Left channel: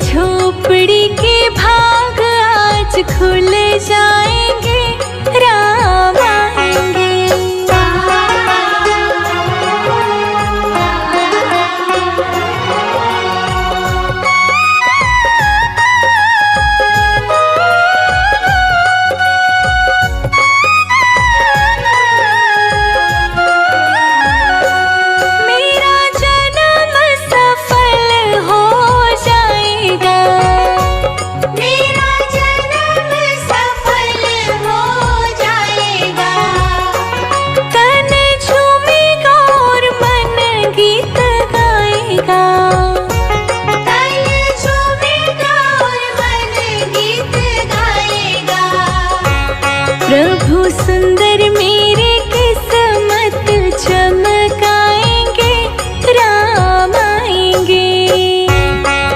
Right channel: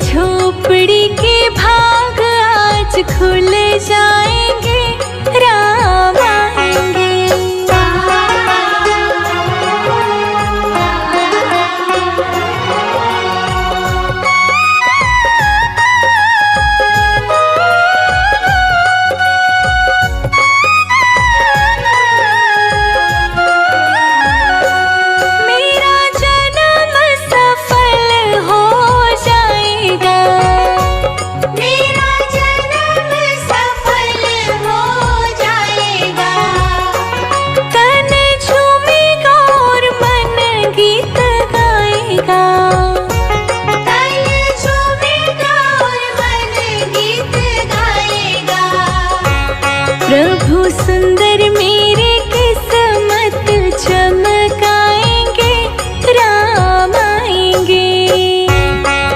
झोपड़ी के भाग आज खुल जाएंगे, राम आएंगे। प्रभु सुंदर मेरी किस्मत चमकाएंगे, राम आएंगे।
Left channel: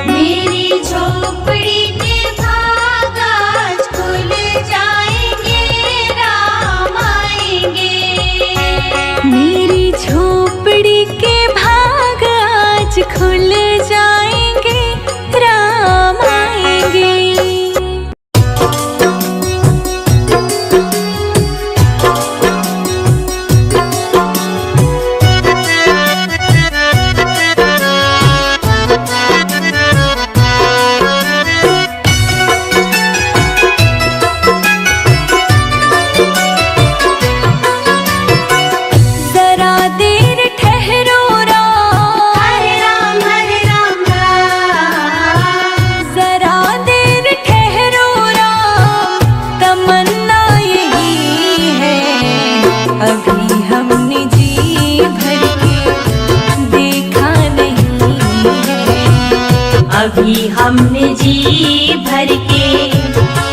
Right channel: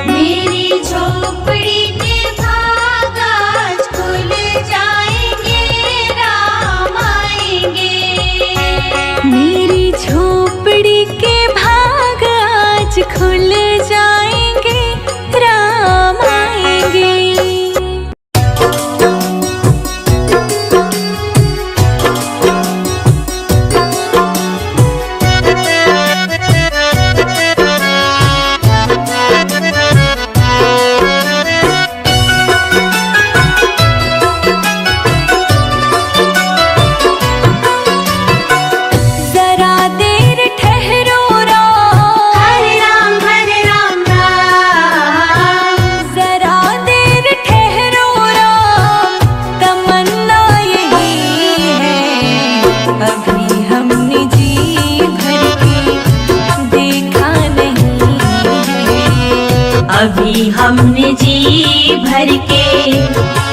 मेरी झोपड़ी के भाग आज खुल जाएंगे, राम आएंगे। मेरी झोपड़ी के भाग आज खुल जाएंगे, राम आएंगे। जरा देर ठहरो राम, हरे राम राम। जरा देर ठहरो राम, तमन्ना यही है। अभी हमने जी भर के देखा नहीं है, अभी हमने जी भर के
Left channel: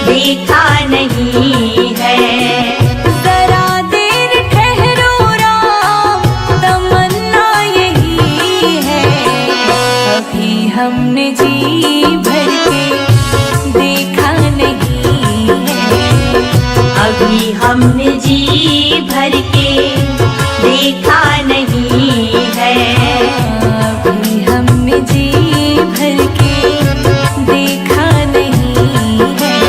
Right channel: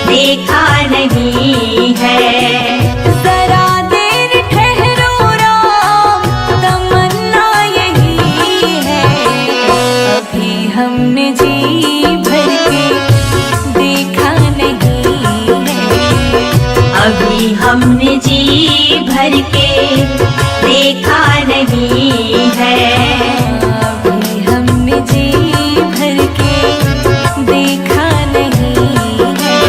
देखा नहीं है। जरा देर ठहरो राम, तमन्ना यही है। अभी हमने जी भर के देखा नहीं है, अभी हमने जी भर के देखा नहीं है। अभी हमने जी भर के देखा नहीं है,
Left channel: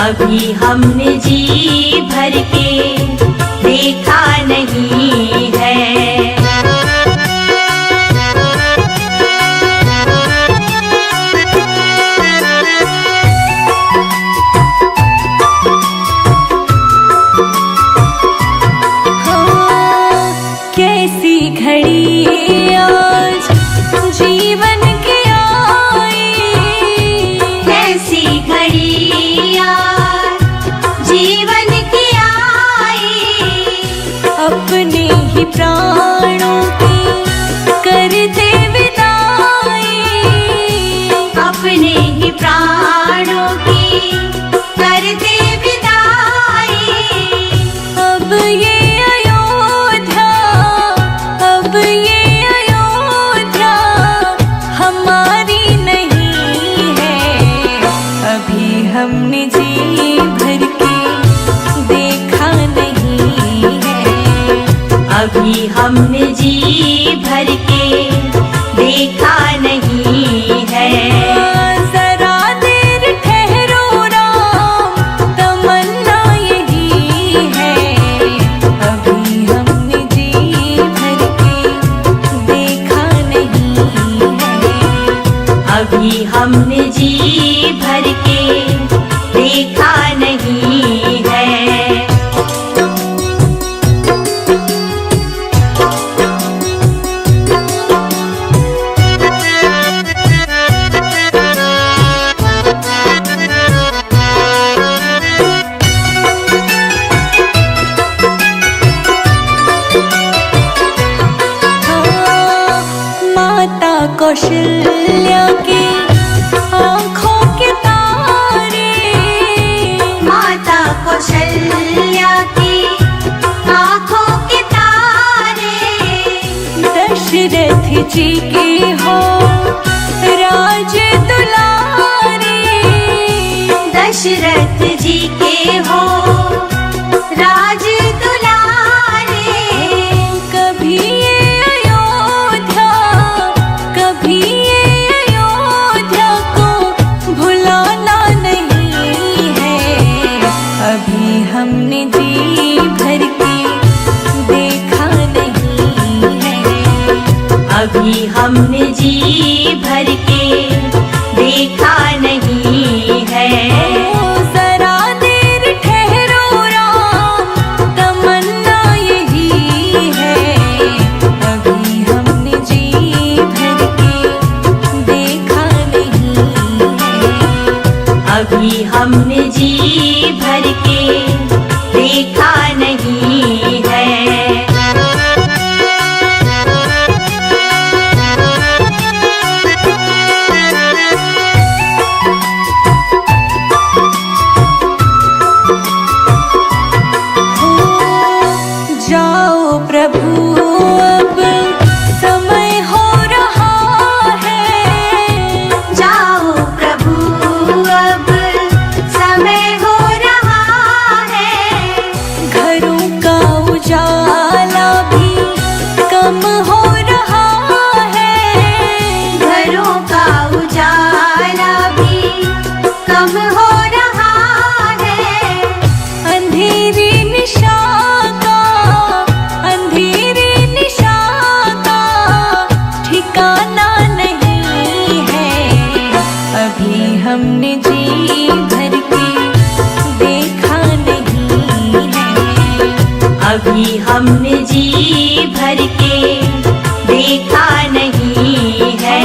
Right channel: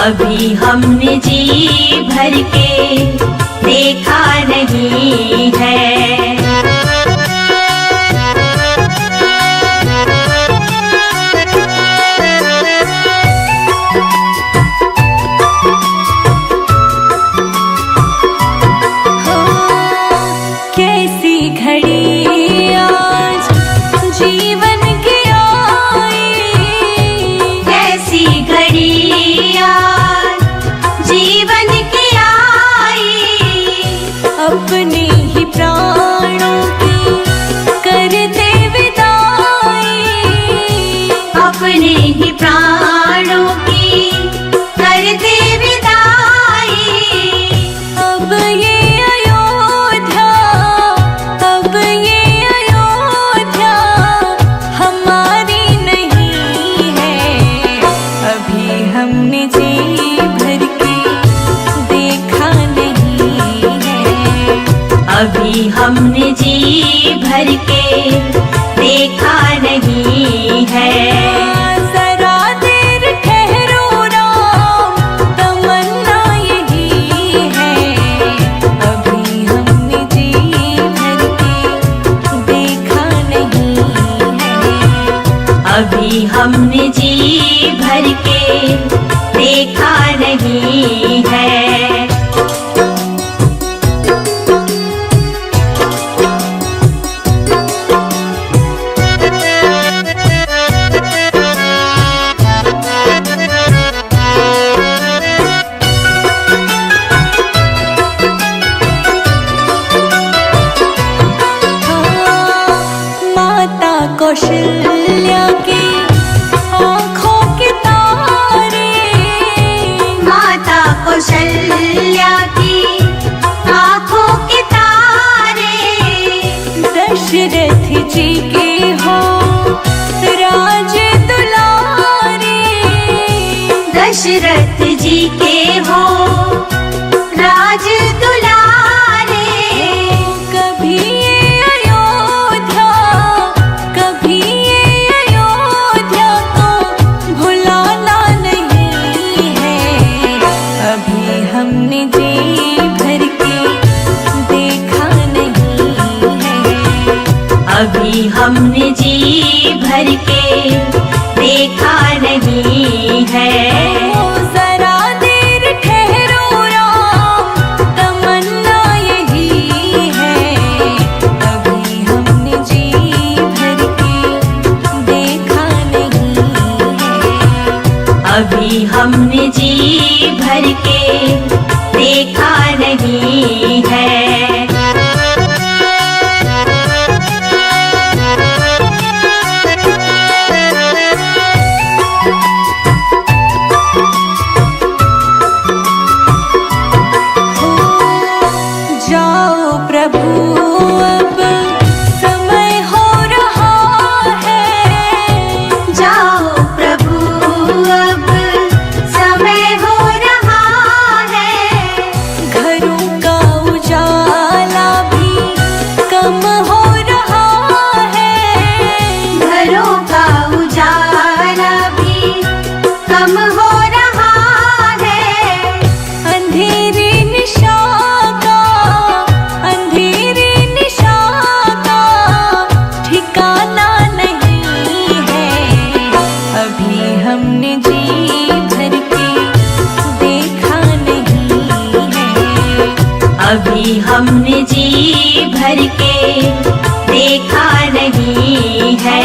अभी हमने जी भर के देखा नहीं है। कैसी घड़ी आज जीवन की आई, कैसी घड़ी आज जीवन की आई। अपने ही प्राणों की करते विदाई, अपने ही प्राणों की करते विदाई। अब ये अब ये अयोध्या हमारी नहीं है। अभी हमने जी भर के देखा नहीं है, अभी हमने जी भर के देखा नहीं है। जरा देर ठहरो राम, तमन्ना यही है। अभी हमने जी भर के देखा नहीं है, अभी हमने जी भर के देखा नहीं है। माता कौशल्या की आँखों के तारे, माता कौशल्या की आँखों के तारे। दशरथ जी के हो राज दुलारे, दशरथ जी के हो राज दुलारे। कभी ये अयोध्या, कभी ये अयोध्या हमने जी भर के देखा नहीं है। अभी हमने जी भर के देखा नहीं है। ओ जरा देर ठहरो राम, तमन्ना यही है। अभी हमने जी भर के देखा नहीं है। अभी हमने जी भर के देखा नहीं है। जाओ प्रभु अब समय हो रहा है। जाओ प्रभु अब समय हो रहा है। घरों का उजाला भी कम हो रहा है। घरों का उजाला भी कम हो रहा है। अंधेरी निशा ठिकाना नहीं है। अभी हमने जी भर के देखा नहीं है। अभी हमने जी भर के देखा नहीं है।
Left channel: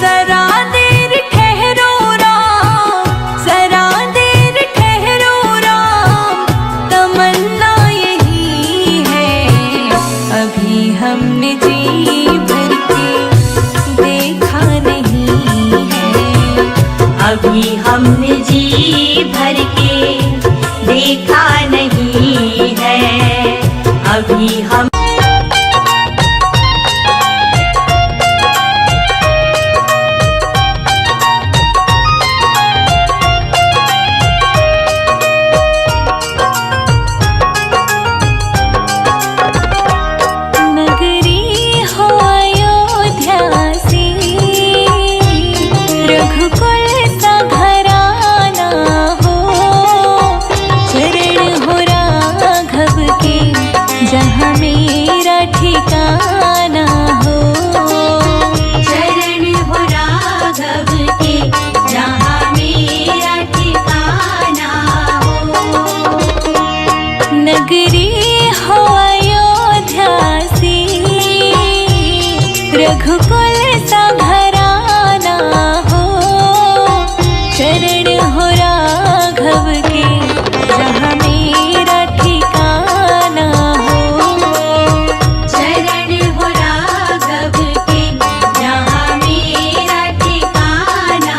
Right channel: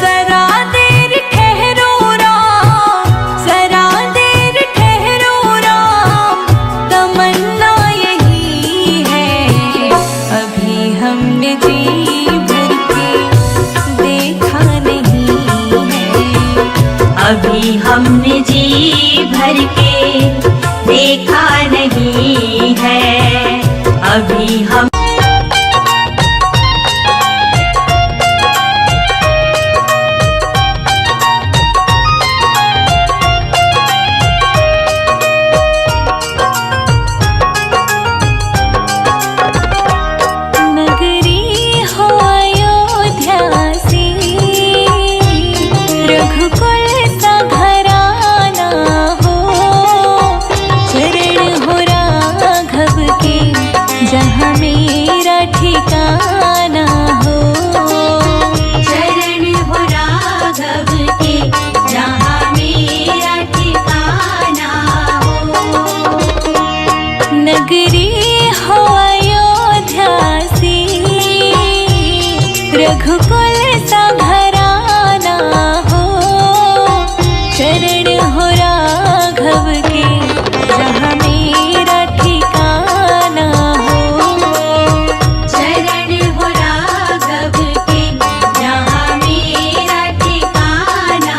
जरा देर ठहरो राम, जरा देर ठहरो राम, तमन्ना यही है। अभी हमने जी भर के देखा नहीं है। अभी हमने जी भर के देखा नहीं है। अभी हम जहाँ मेरा ठिकाना हो। चरण हो राघव के जहाँ मेरा ठिकाना हो। नगरी हो अयोध्या सी, रघुकुल सा घराना हो। चरण हो राघव के जहाँ मेरा ठिकाना हो। चरण हो राघव के जहाँ मेरा ठिकाना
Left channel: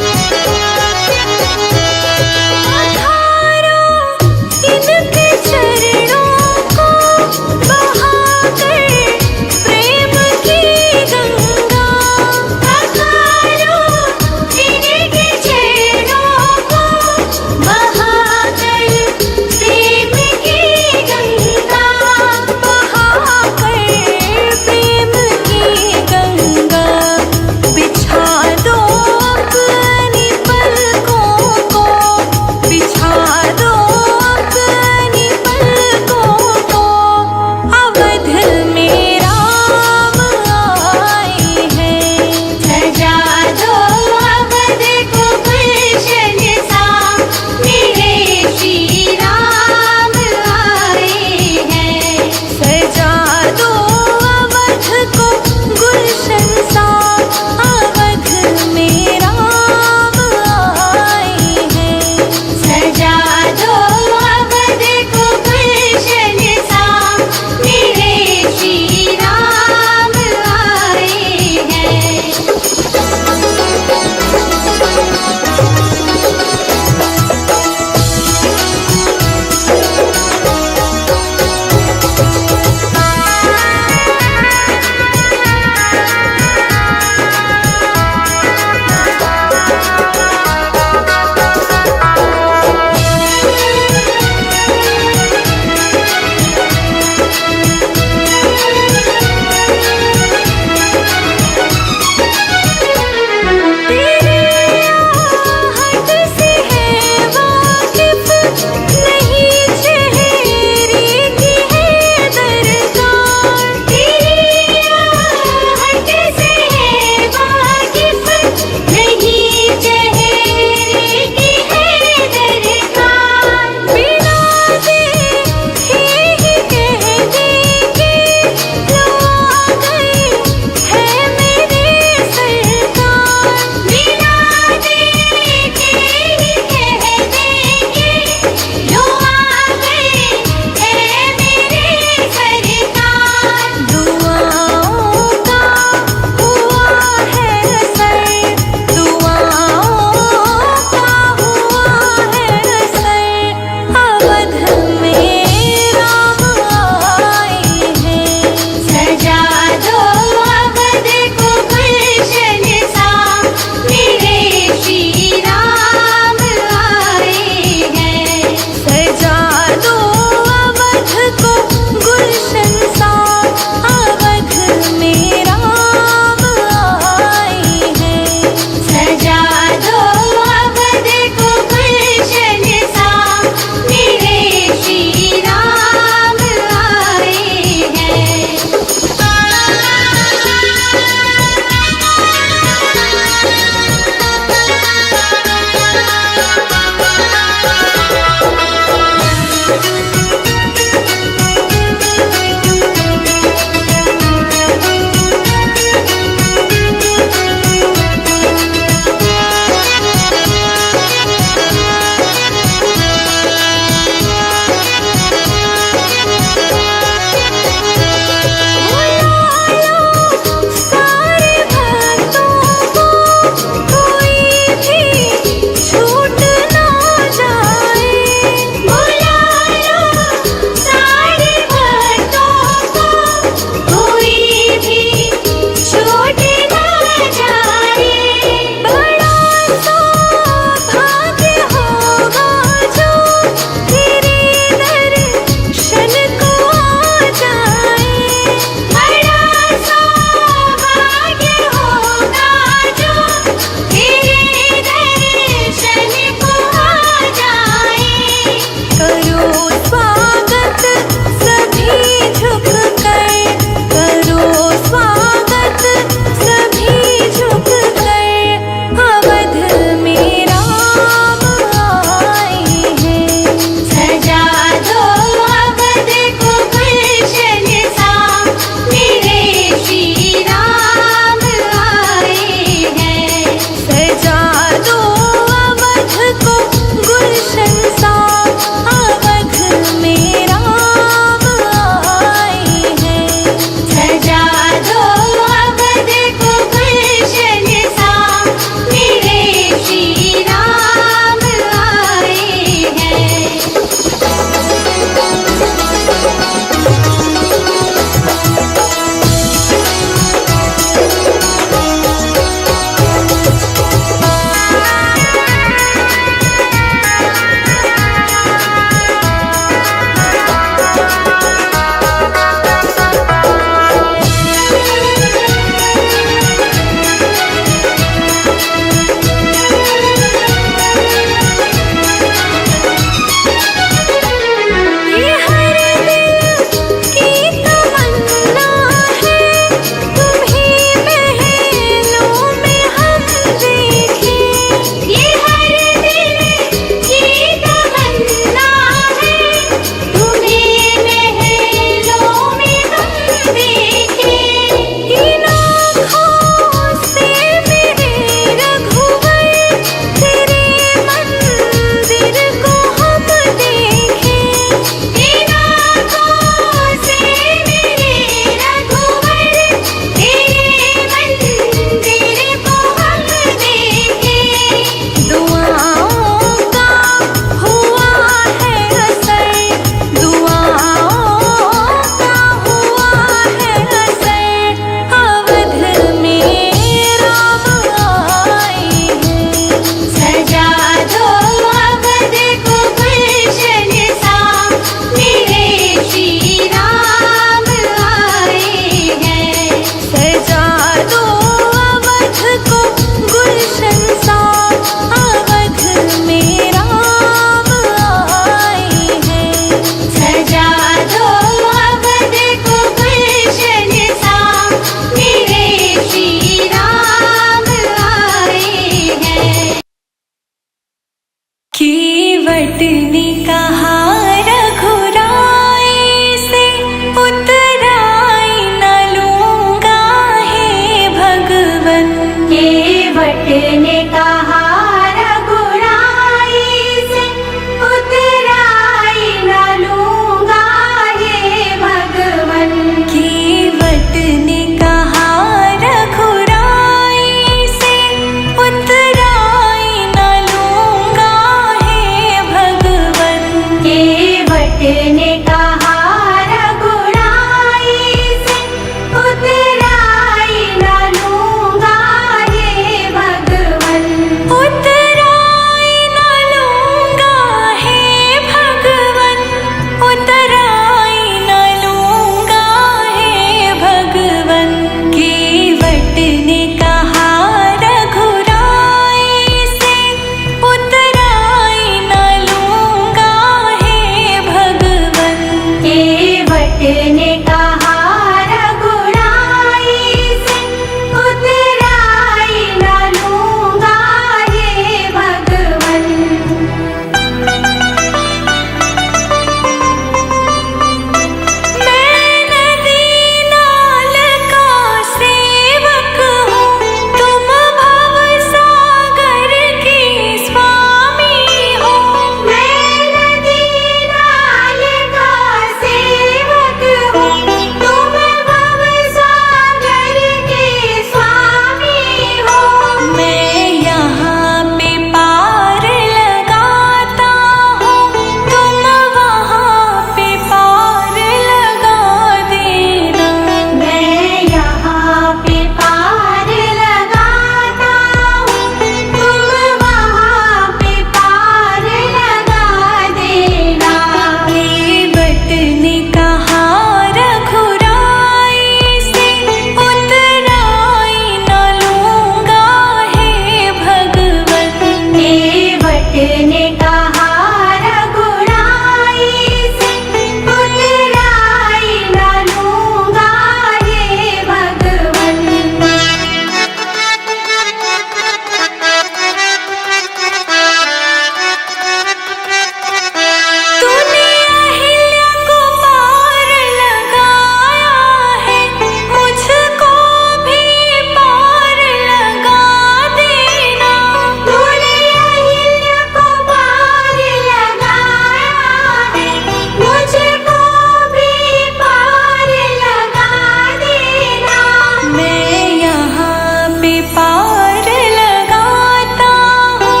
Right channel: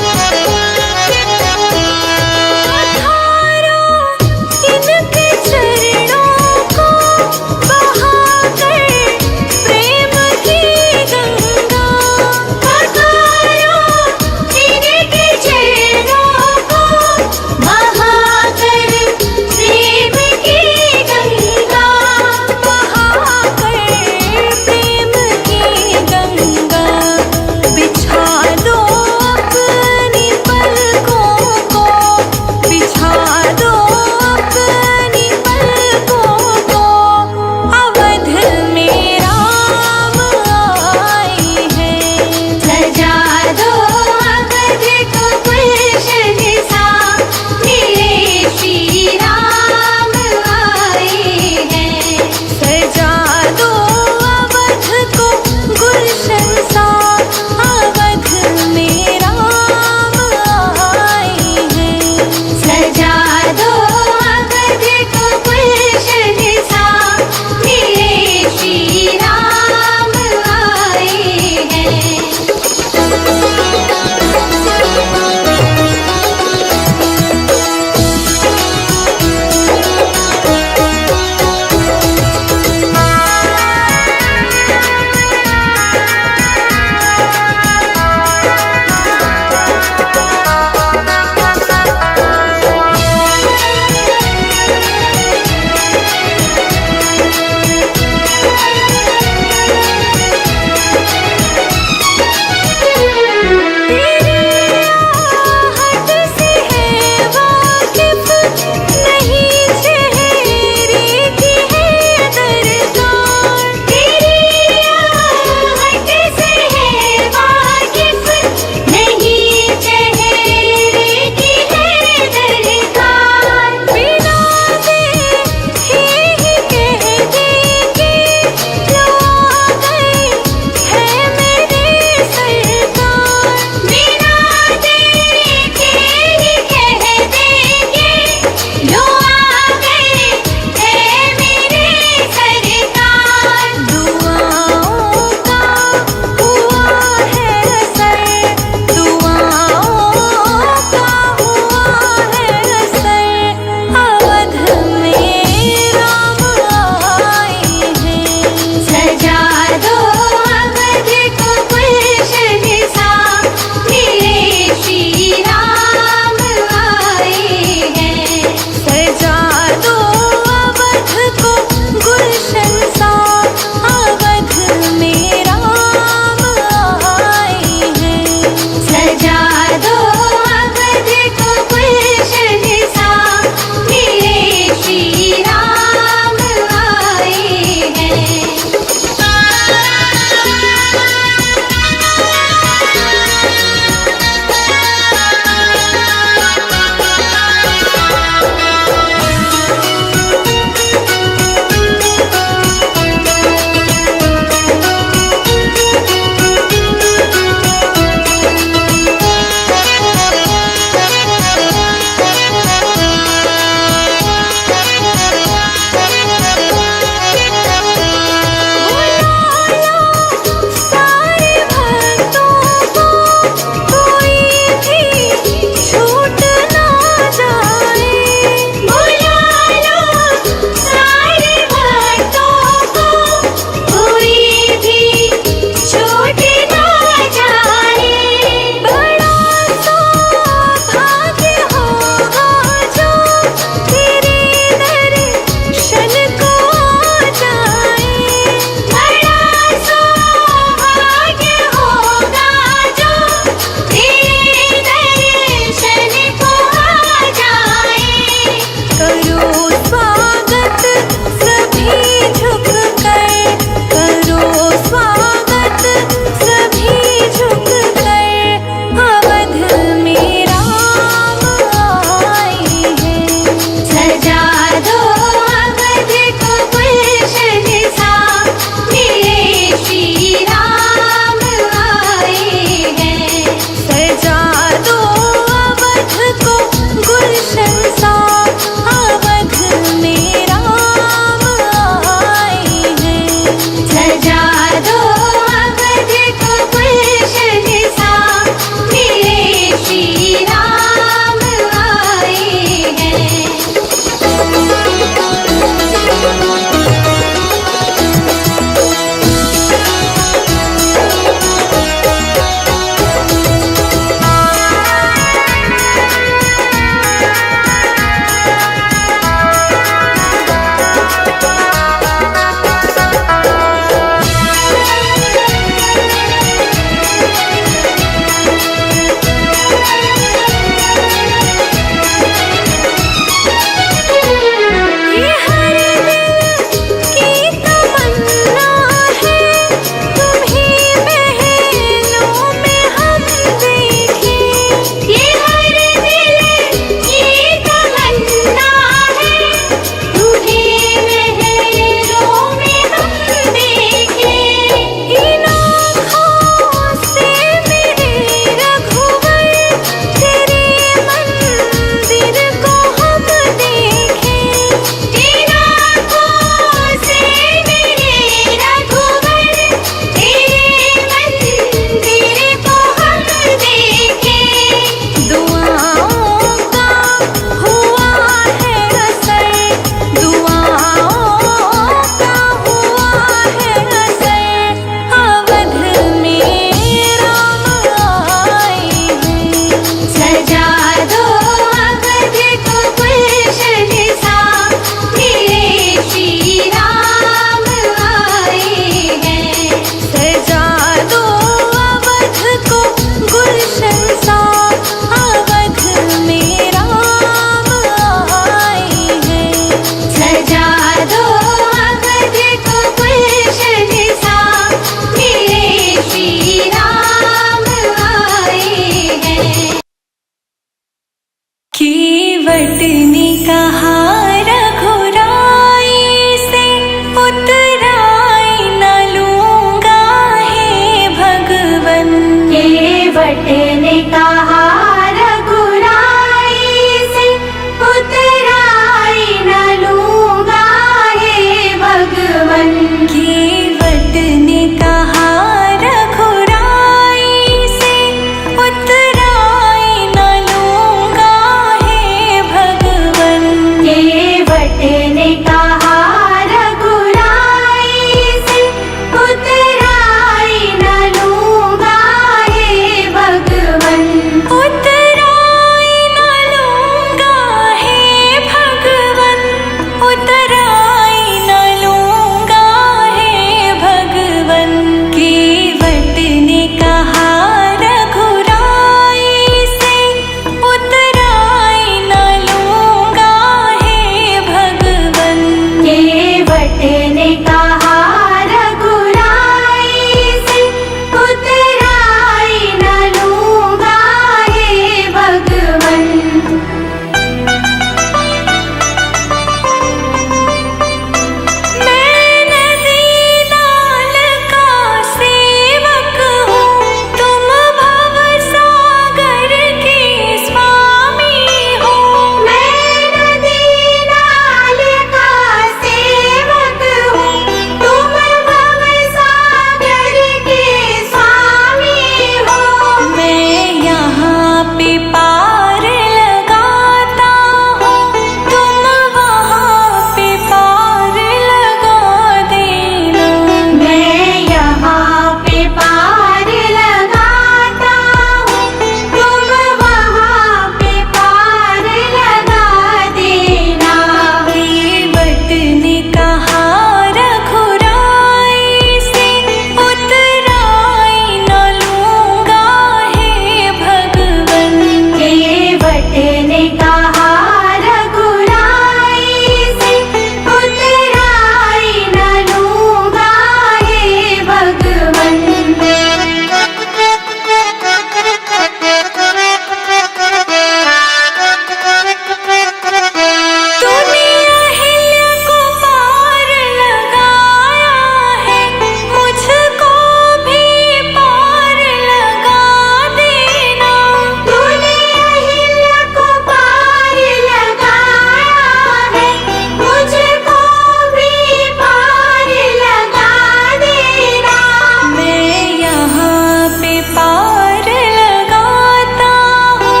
पार लगाता हूँ,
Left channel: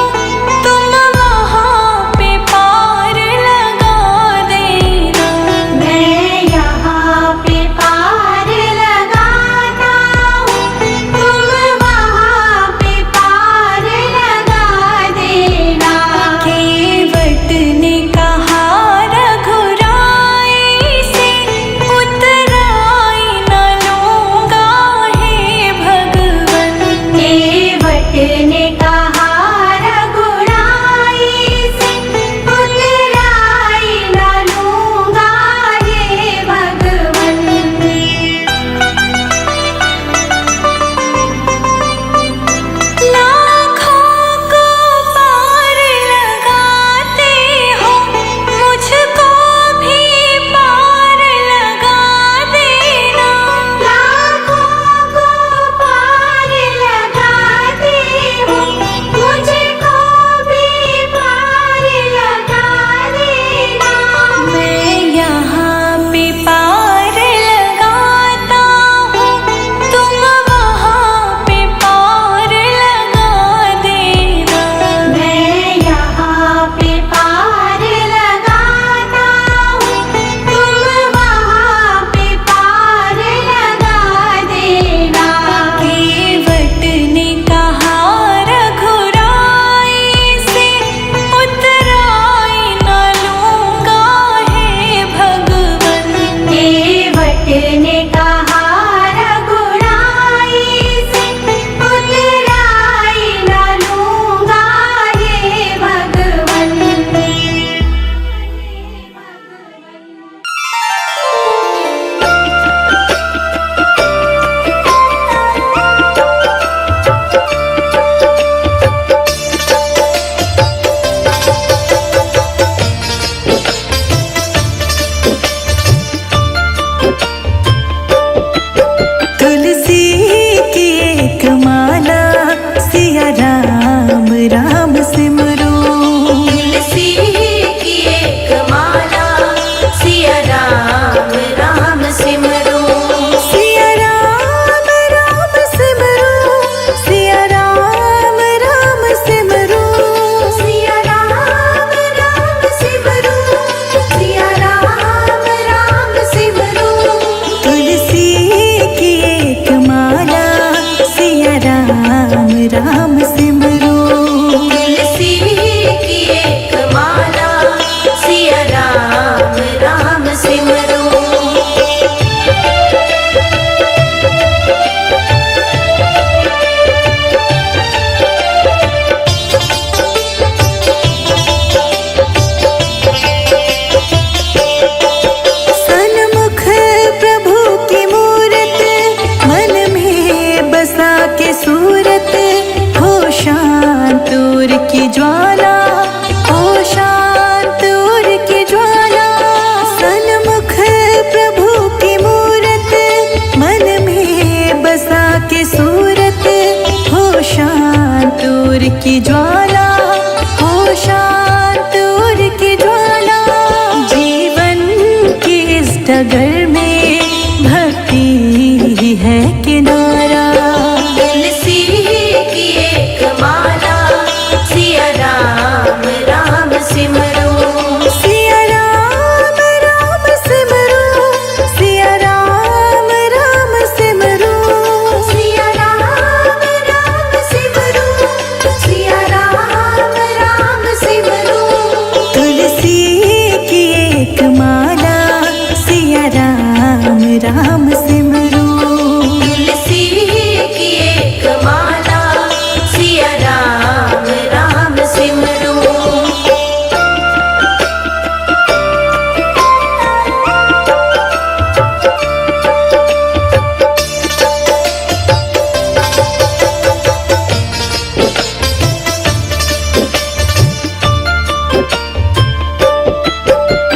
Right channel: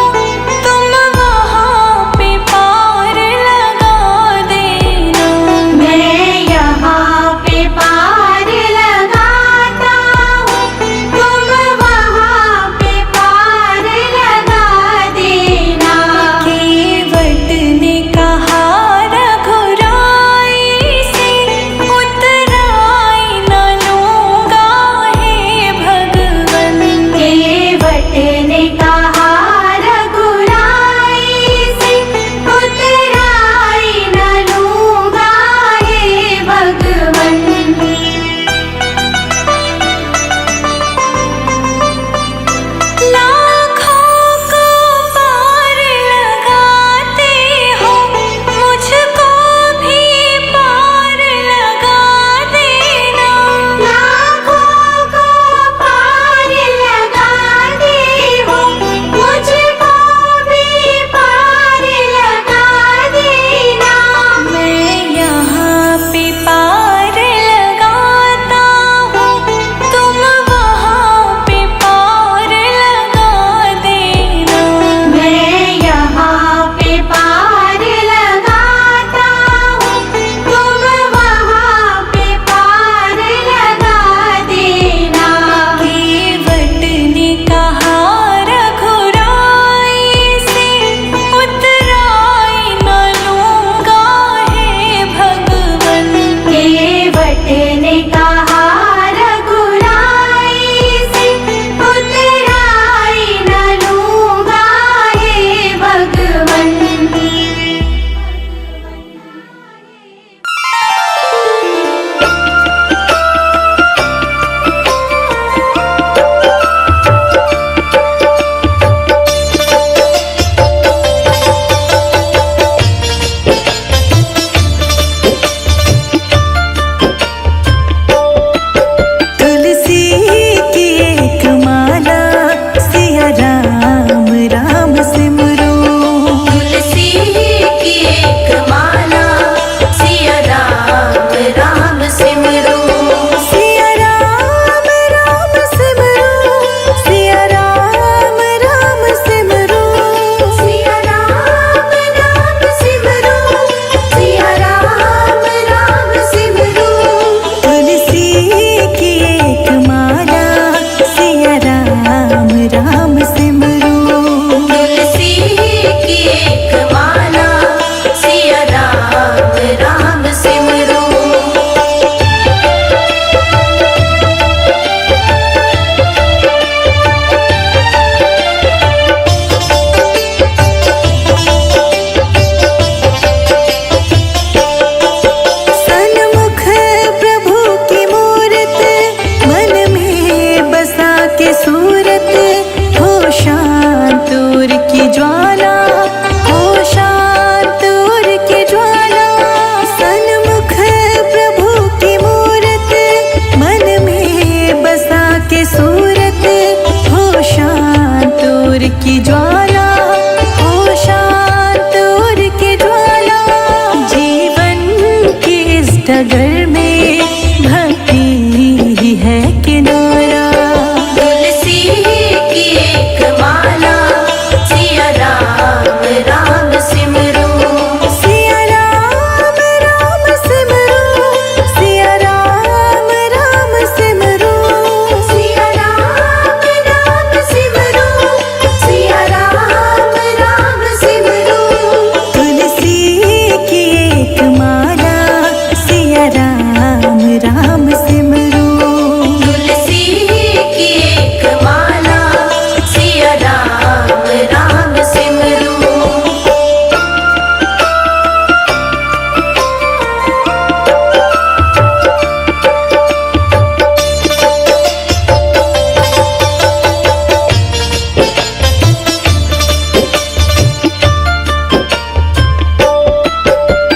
तुम वहाँ पे पार लगा देना। मैं यहाँ पे पार लगाता हूँ, तुम वहाँ पे पार लगा देना। केवट ने कहा रघुराई से, उतराई न लूँगा हे भगवन। केवट ने कहा रघुराई से, उतराई न लूँगा हे भगवन। लाखों को पार लगाते हो, मुझको भी पार लगा देना। लाखों को पार लगाते हो, मुझको भी पार लगा देना। मैं यहाँ पे पार लगाता हूँ, तुम वहाँ पे पार लगा देना। मैं यहाँ पे पार लगाता हूँ, तुम वहाँ पे पार लगा देना। केवट ने कहा रघुराई से, उतराई न लूँगा हे भगवन। केवट ने कहा रघुराई से, उतराई न लूँगा हे भगवन। तुलसी की एक माला, सिया राम राम सिमरो। तुलसी की एक माला, सिया राम राम सिमरो। सिया राम राम सिमरो, सिया राम राम सिमरो। सिया राम राम सिमरो, सिया राम राम सिमरो। तुलसी की एक माला, सिया राम राम सिमरो। तुलसी की एक माला, सिया राम राम सिमरो। सन्मुख प्रभु की मूरत, मन में बसा के सूरत, हो शांत उर की ज्वाला, हो शांत उर की ज्वाला। सन्मुख प्रभु की मूरत, मन में बसा के सूरत, हो शांत उर की ज्वाला, हो शांत उर की ज्वाला। जीवन की इस डगर में भक्ति ही है किनारा। तुलसी की एक माला, सिया राम राम सिमरो। सिया राम राम सिमरो, सिया राम राम सिमरो। सिया राम राम सिमरो, सिया राम राम सिमरो। तुलसी की एक माला, सिया राम राम सिमरो। तुलसी की एक माला, सिया राम राम सिमरो।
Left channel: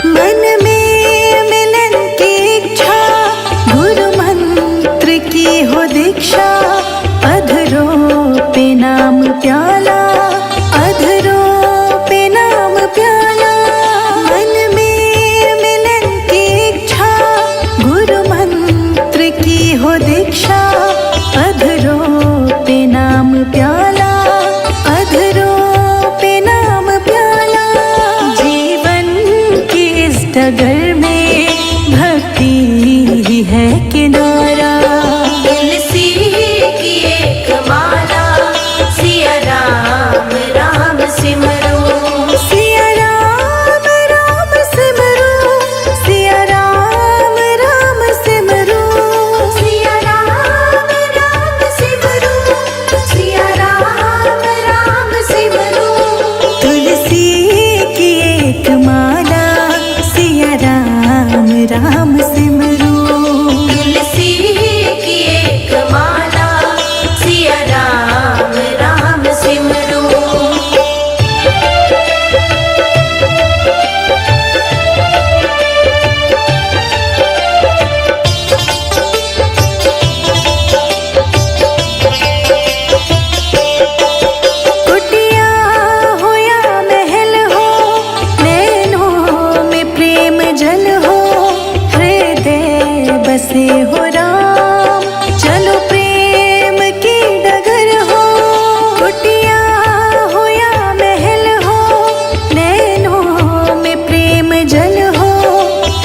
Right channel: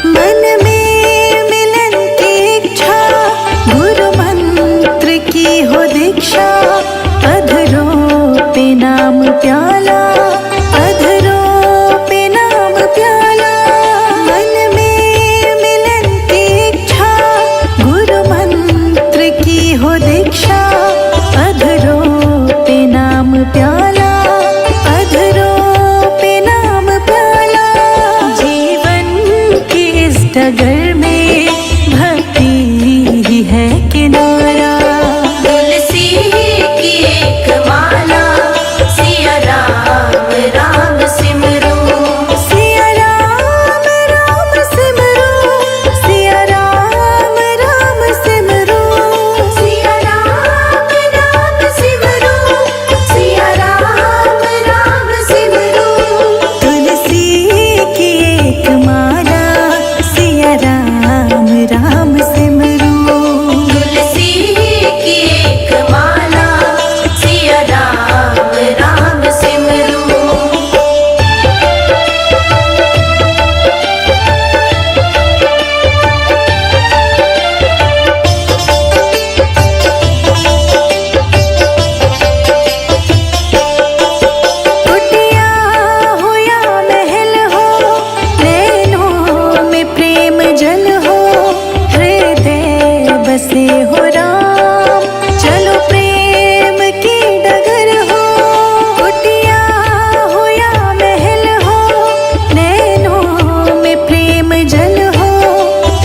मन में मिलन की इच्छा, गुरु मंत्र की हो दीक्षा। अधरों पे नाम प्याला, अधरों पे नाम प्याला। मन में मिलन की इच्छा, गुरु मंत्र की हो दीक्षा, अधरों पे नाम प्याला, अधरों पे नाम प्याला। जीवन की इस डगर में भक्ति ही है किनारा। तुलसी की एक माला, सिया राम राम सिमरो, सिया राम राम सिमरो, सिया राम राम सिमरो, सिया राम राम सिमरो, सिया राम राम सिमरो। तुलसी की एक माला, सिया राम राम सिमरो। तुलसी की एक माला, सिया राम राम सिमरो। कुटिया हो या महल हो, नैनों में प्रेम जल हो, हृदय बसे हो राम, चलो प्रेम की डगर हो। कुटिया हो या महल हो, नैनों में प्रेम जल हो,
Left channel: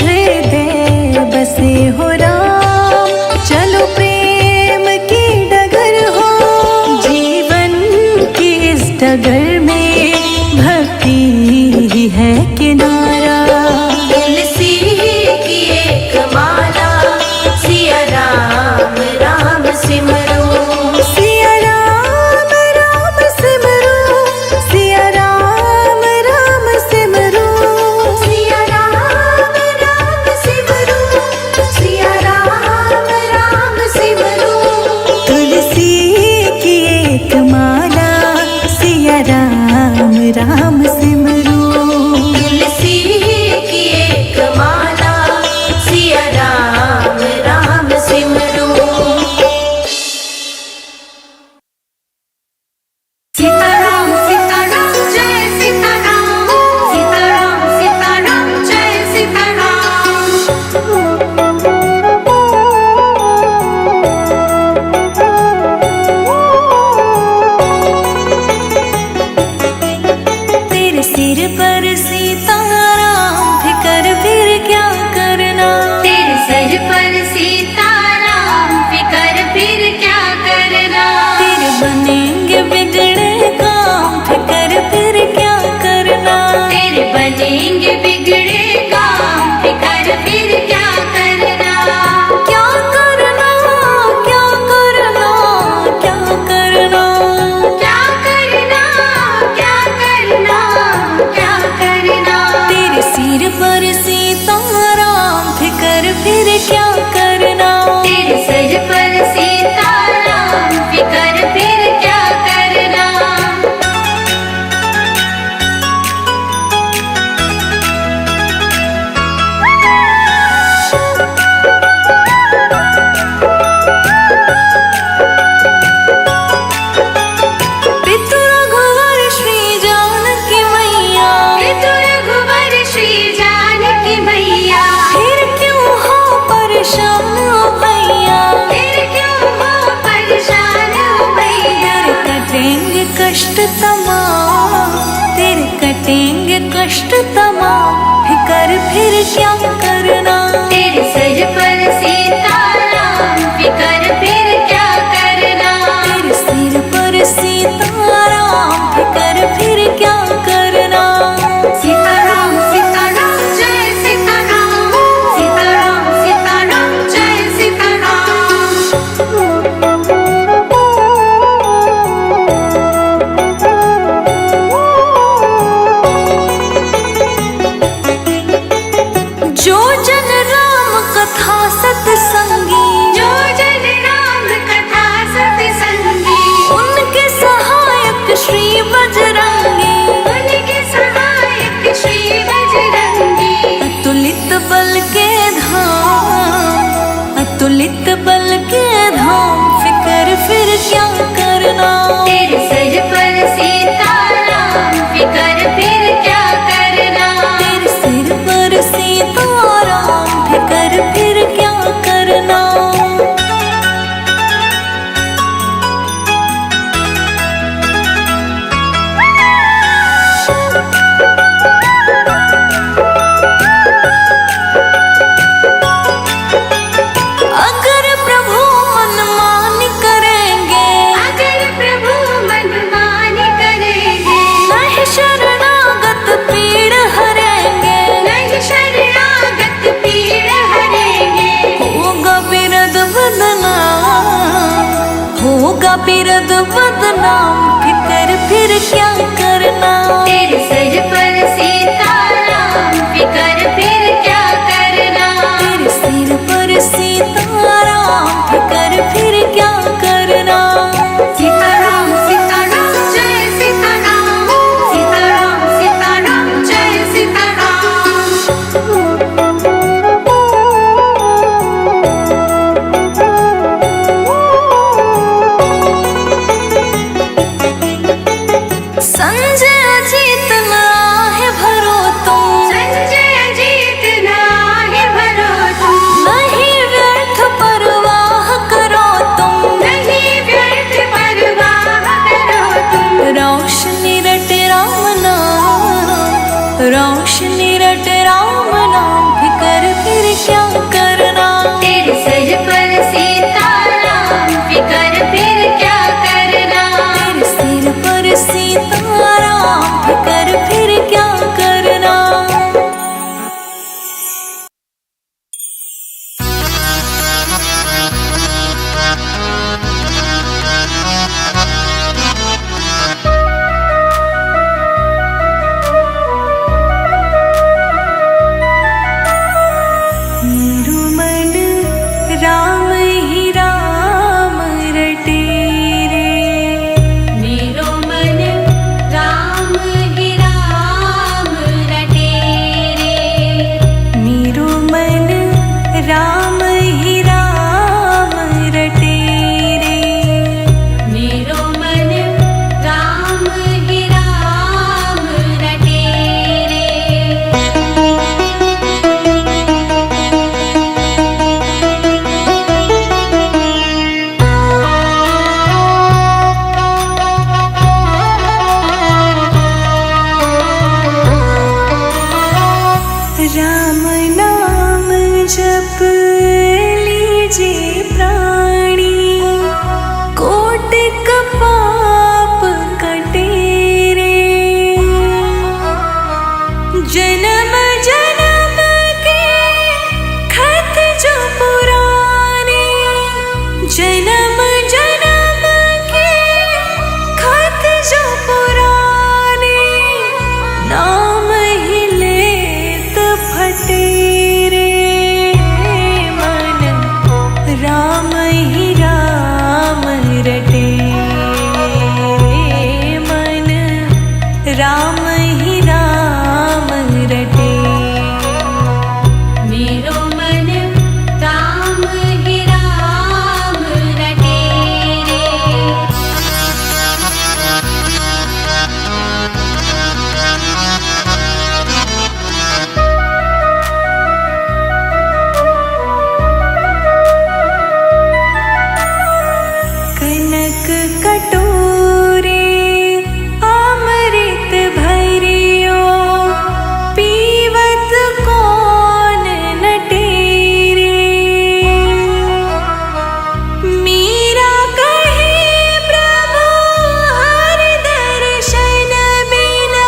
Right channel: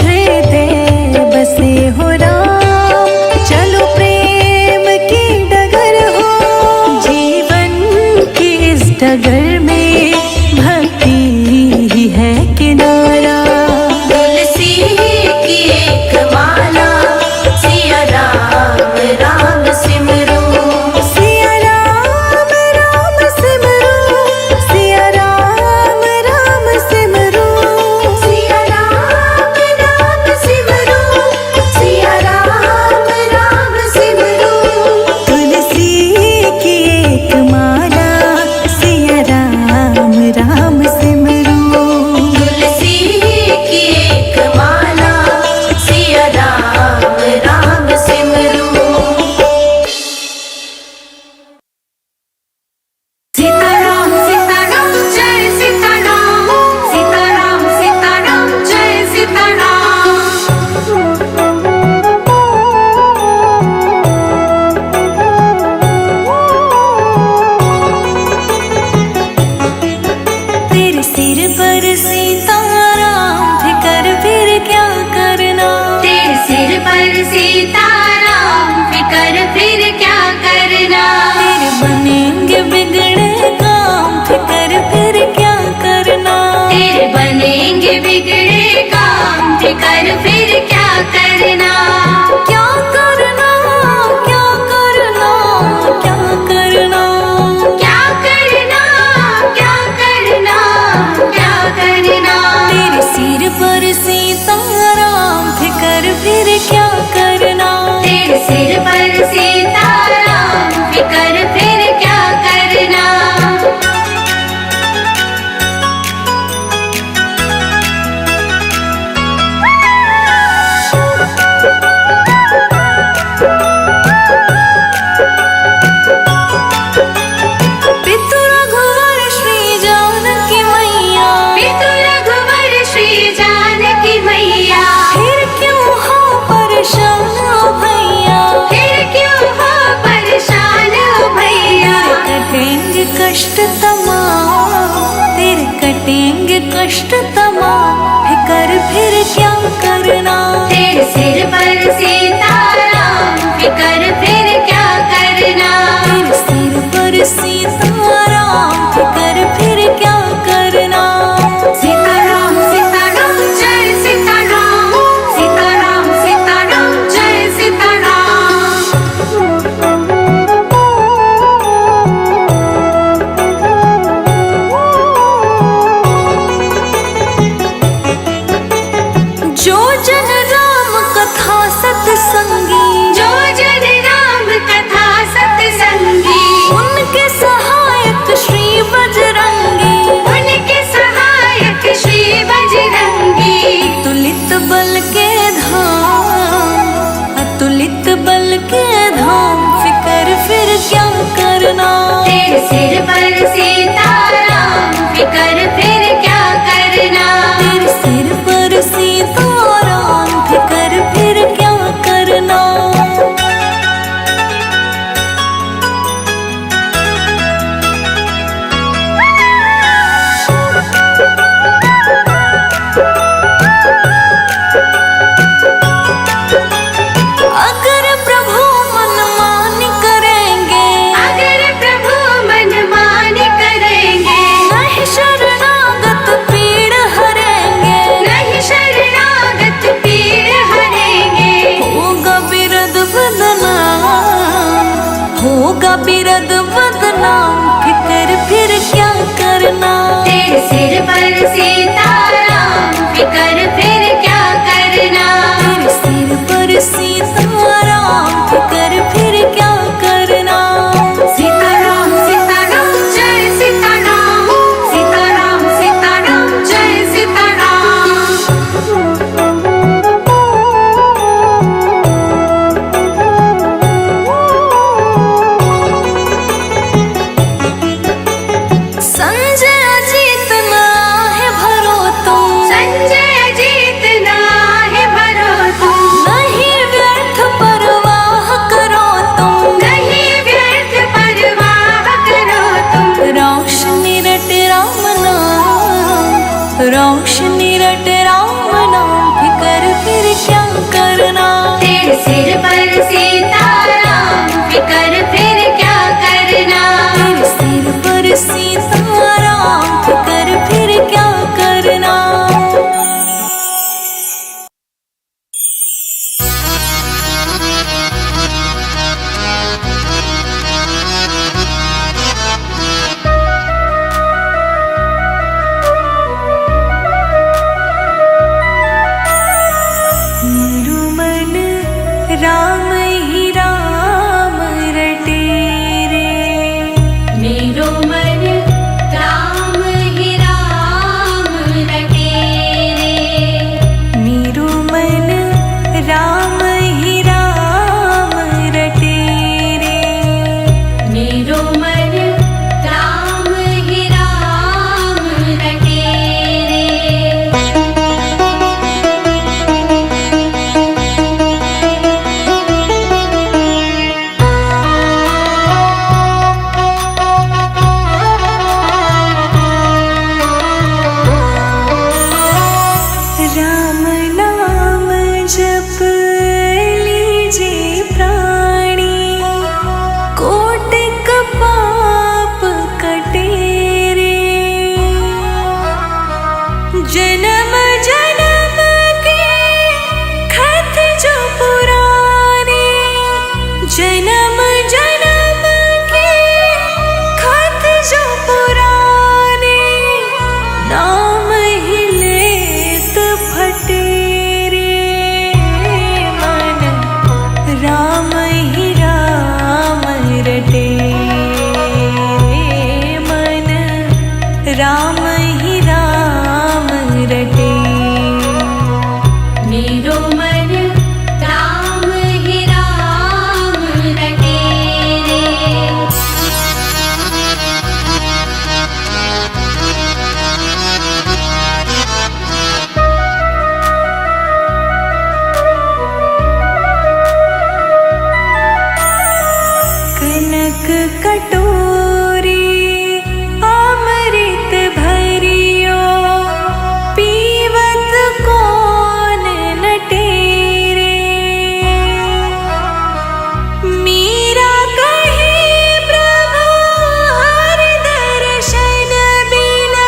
हृदय बसे हो राम, चलो प्रेम की डगर हो। जीवन की इस डगर में भक्ति ही है किनारा। तुलसी की एक माला, सिया राम राम सिमरो, सिया राम राम सिमरो, सिया राम राम सिमरो, सिया राम राम सिमरो, सिया राम राम सिमरो। तुलसी की एक माला, सिया राम राम सिमरो। तुलसी की एक माला, सिया राम राम सिमरो। सीताराम सीताराम जय सीताराम, सीताराम सीताराम जय सीताराम। तेरे सिर पर सीताराम, फिकर फिर क्या करना। तेरे सिर पर सीताराम, फिकर फिर क्या करना। तेरे बनेंगे बिगड़े काम, फिकर फिर क्या करना। तेरे बनेंगे बिगड़े काम, फिकर फिर क्या करना। क्या करना, क्या करना, क्या करना। क्या करना, क्या करना, क्या करना। तेरे सिर पर सीताराम, फिकर फिर क्या करना। तेरे सिर पर सीताराम, फिकर फिर क्या करना। पितु रघुवर श्री जानकी मैया, पितु रघुवर श्री जानकी मैया, फिर क्यों हो परेशान ओ भैया। फिर क्यों हो परेशान ओ भैया। तेरे कटेंगे कष्ट तमाम, तेरे कटेंगे कष्ट तमाम, फिकर फिर क्या करना। तेरे सिर पर सीताराम, फिकर फिर क्या करना। तेरे सिर पर सीताराम, फिकर फिर क्या करना। सीताराम सीताराम जय सीताराम, सीताराम सीताराम जय सीताराम। जो जन राम कथा सत्संगी, जो जन राम कथा सत्संगी, उनके सहायक श्री बजरंगी। उनके सहायक श्री बजरंगी। अतुलित बल के धाम, अतुलित बल के धाम, फिकर फिर क्या करना। तेरे सिर पर सीताराम, फिकर फिर क्या करना। तेरे सिर पर सीताराम, फिकर फिर क्या करना। अगर प्रभु मनमान करेंगे, अगर प्रभु मनमान करेंगे, नहीं शरणागत पीड़ हरेंगे, नहीं शरणागत पीड़ हरेंगे। होगा बिरद बदनाम, होगा बिरद बदनाम, फिकर फिर क्या करना। तेरे सिर पर सीताराम, फिकर फिर क्या करना। तेरे सिर पर सीताराम, फिकर फिर क्या करना। सीताराम सीताराम जय सीताराम, सीताराम सीताराम जय सीताराम। संजय अजीत ना है भरो तुम, संजय जीत ना है भरो तुम, नहीं व्यर्थ परवाह करो तुम। नहीं व्यर्थ परवाह करो तुम। रोशनी रट राम नाम, रोशनी रट राम नाम, फिकर फिर क्या करना। तेरे सिर पर सीताराम, फिकर फिर क्या करना। तेरे सिर पर सीताराम, फिकर फिर क्या करना। मेरू मन राम ही राम रटे रे, मेरो मन राम ही राम रटे रे। मेरू मन राम ही राम रटे रे। मेरो मन राम ही राम रटे रे। राम नाम जप लीजिए प्राणी, कोटिक पाप कटे रे। जन्म जन्म के खत जो पुराने, जन्म जन्म के खत जो पुराने, नाम ही लेत फटे रे। मन राम ही राम रटे रे, मन राम ही राम रटे। मेरो मन राम ही राम रटे रे। कनक कटोरे अमृत भरियो, पीवत कौन नटे रे। मीरा कहे प्रभु हर दर्शन बिना,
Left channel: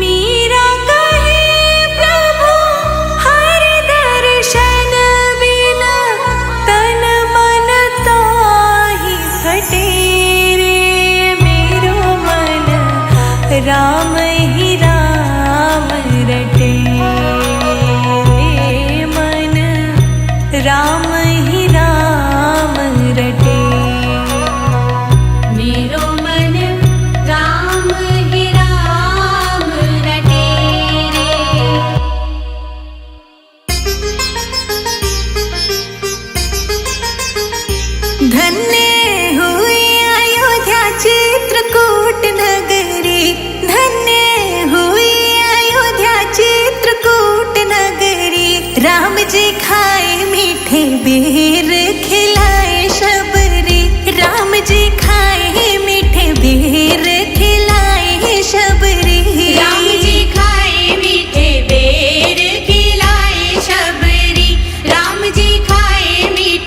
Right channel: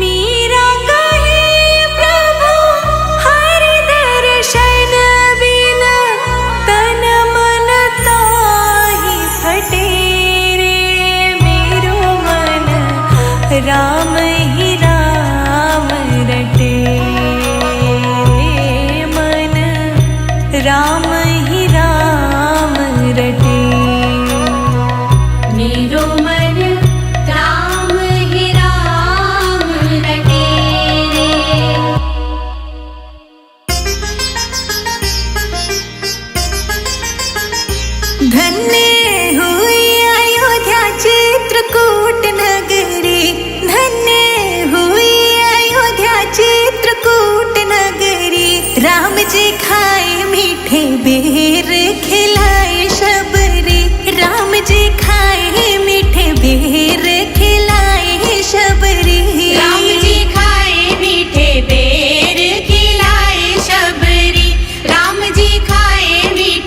मीरा कहे प्रभु हर दर्शन बिना, तन मन ताहि फटे रे। मेरो मन राम ही राम रटे रे, मन राम ही राम रटे। मेरो मन राम ही राम रटे रे। धन्य हुई अयोध्या चित्रकूट नगरी, धन्य हुई अयोध्या चित्रकूट नगरी। राम जी खाए मीठे बेर, खिलाए शबरी। राम जी खाए मीठे बेर, खिलाए शबरी। राम जी खाए मीठे बेर, खिलाए शबरी। राम जी खाए मीठे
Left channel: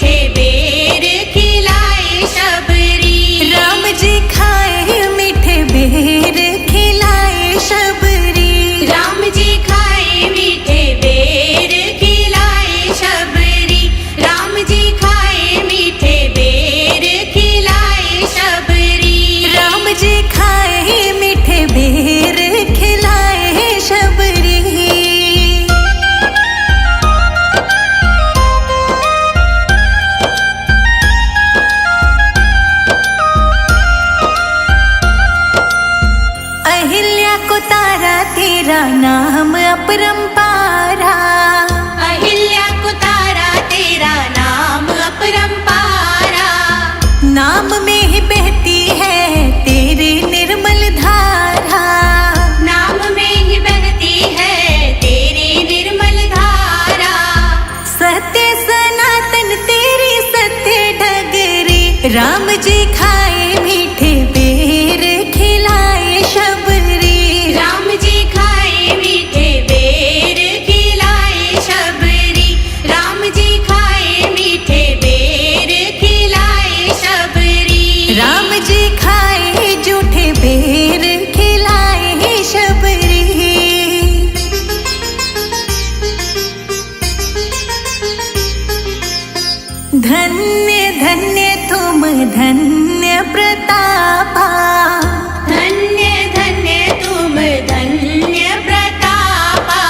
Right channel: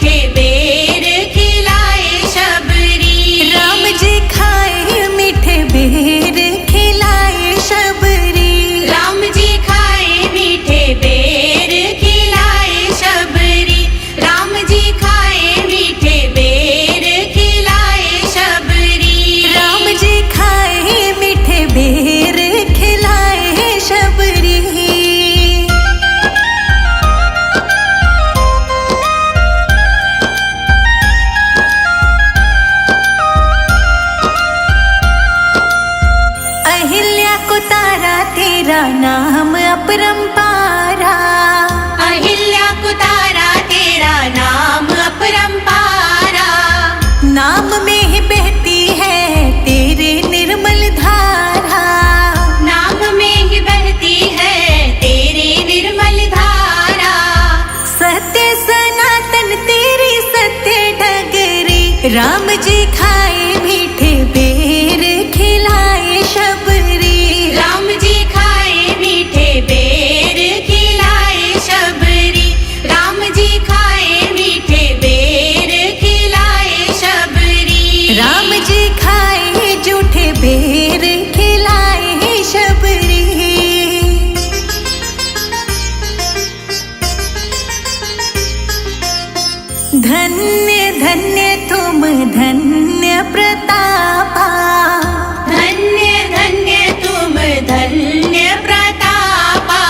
बेर खिलाए शबरी। राम जी खाए मीठे बेर खिलाए शबरी। राम जी खाए मीठे बेर खिलाए शबरी। राम जी खाए मीठे बेर खिलाए शबरी। अहिल्या को तारा तेरा नाम अपरंपारा। अहिल्या को तारा तेरा नाम अपरंपारा। नाम में ही बहती है तेरी निर्मल धारा। नाम में ही बहती है तेरी निर्मल धारा। सत्य सनातन तेरी सत्य डगरी। राम जी खाए मीठे बेर खिलाए शबरी। राम जी खाए मीठे बेर खिलाए शबरी। राम जी खाए मीठे बेर खिलाए शबरी। राम जी खाए जूठे बेर खिलाए शबरी। धन्य धन्य तुम धन्य प्रतापा। धन्य धन्य तुम धन्य प्रतापा।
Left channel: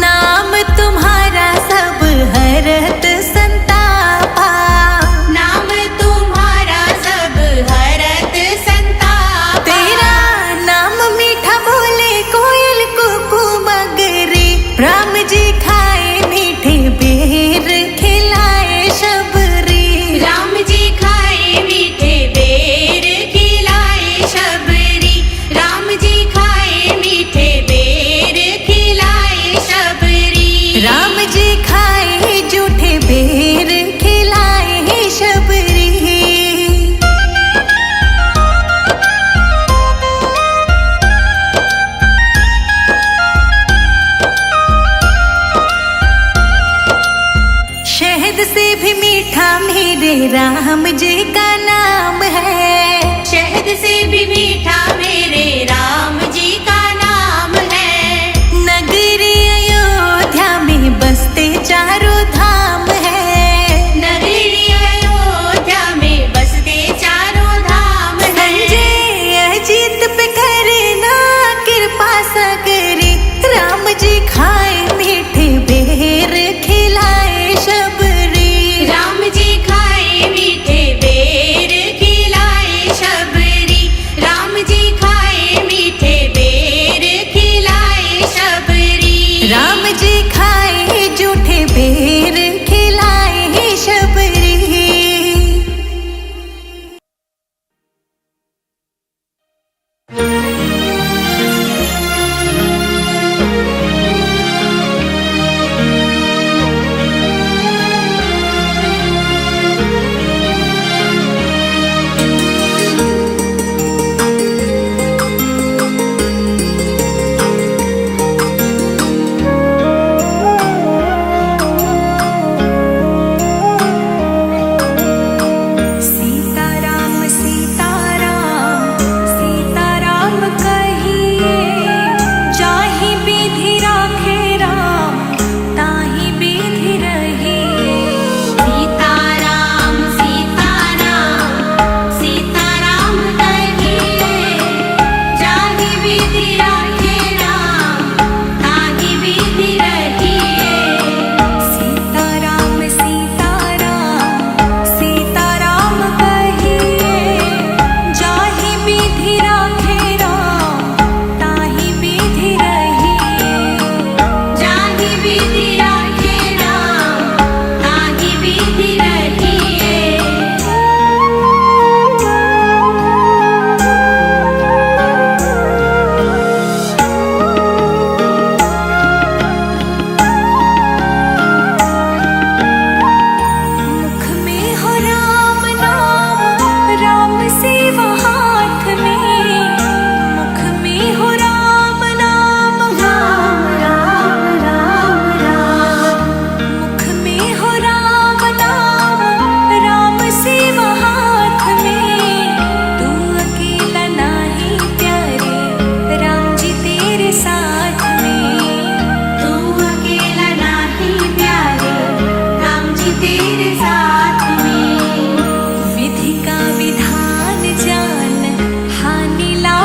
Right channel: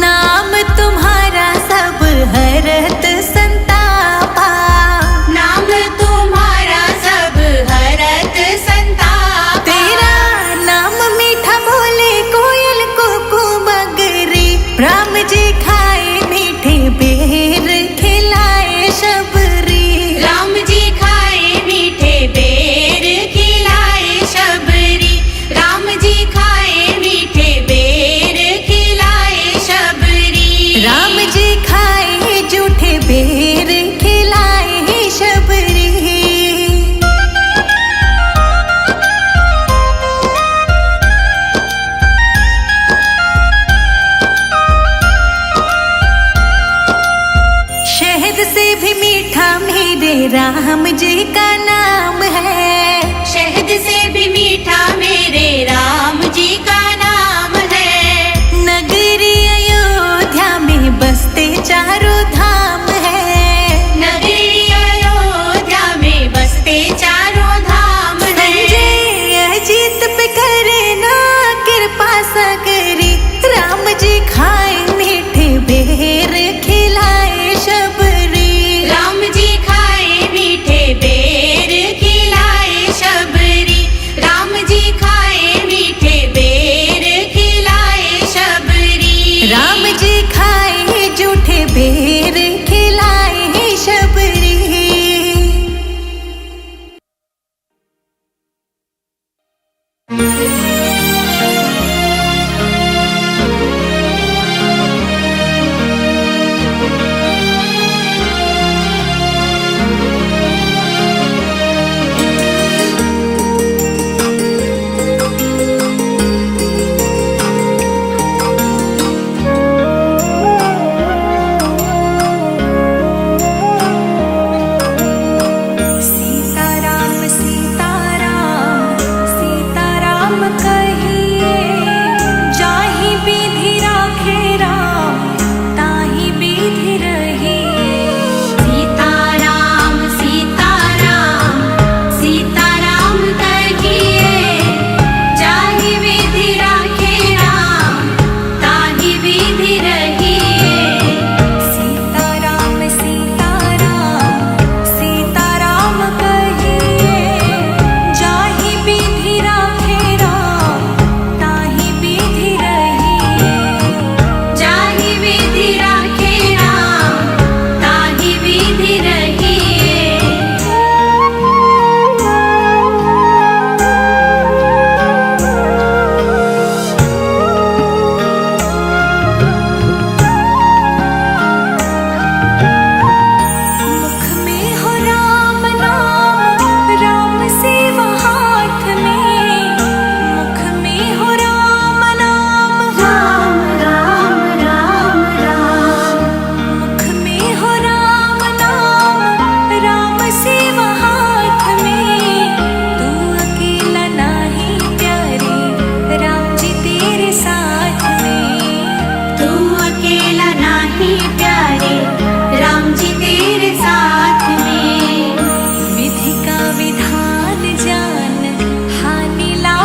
नाम तुम्हारा सब हरत संतापा। नाम तुम्हारा सब हरत संतापा। तेरा नाम मीठा बोले कोयल कुकू मगरी। राम जी खाए मीठे बेर खिलाए शबरी। राम जी खाए मीठे बेर खिलाए शबरी। राम जी खाए मीठे बेर खिलाए शबरी। राम जी खाए जूठे बेर खिलाए शबरी। शहद से भी मीठा मेरे राम जी का नाम है। शहद से भी मीठा मेरे राम जी का नाम है। नगरी अयोध्या में बसते चारों धाम है। नगरी अयोध्या में बसते चारों धाम है। संजय अजीत पे करे ना कृपा सगरी। राम जी खाए मीठे बेर खिलाए शबरी। राम जी खाए मीठे बेर खिलाए शबरी। राम जी खाए मीठे बेर खिलाए शबरी। राम जी खाए जूठे बेर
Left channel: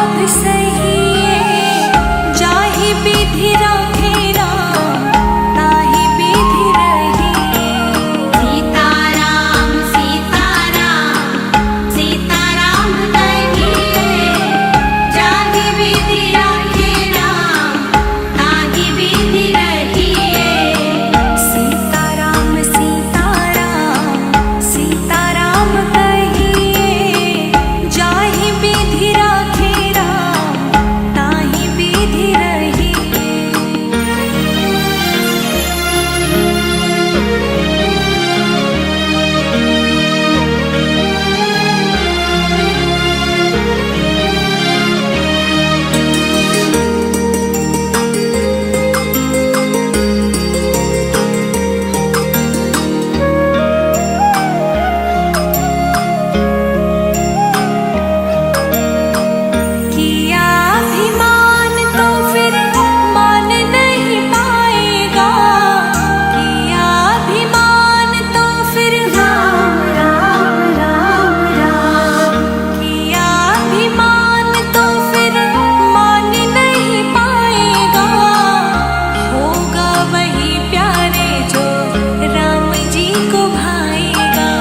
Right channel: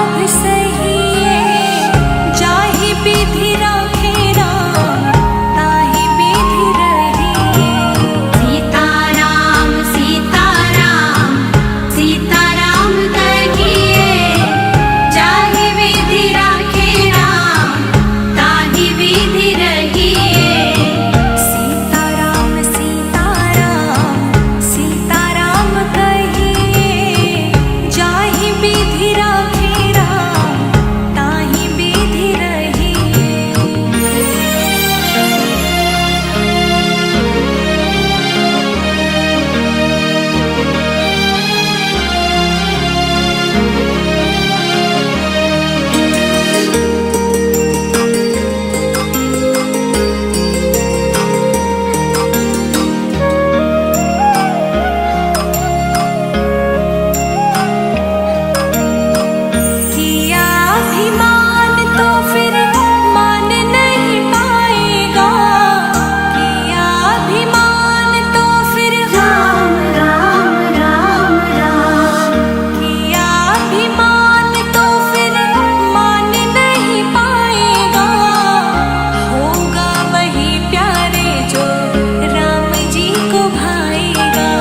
लाभ सहिए, जाहि विधि राखे राम ताहि विधि रहिए। सीताराम सीताराम सीताराम कहिए, जाहि विधि राखे राम ताहि विधि रहिए। सीताराम सीताराम सीताराम कहिए, जाहि विधि राखे राम ताहि विधि रहिए। किया अभिमान तो फिर मान नहीं पाएगा, किया अभिमान तो फिर राम राम राम राम, किया अभिमान तो फिर मान नहीं पाएगा। होगा वही प्यारे जो राम जी को भाएगा,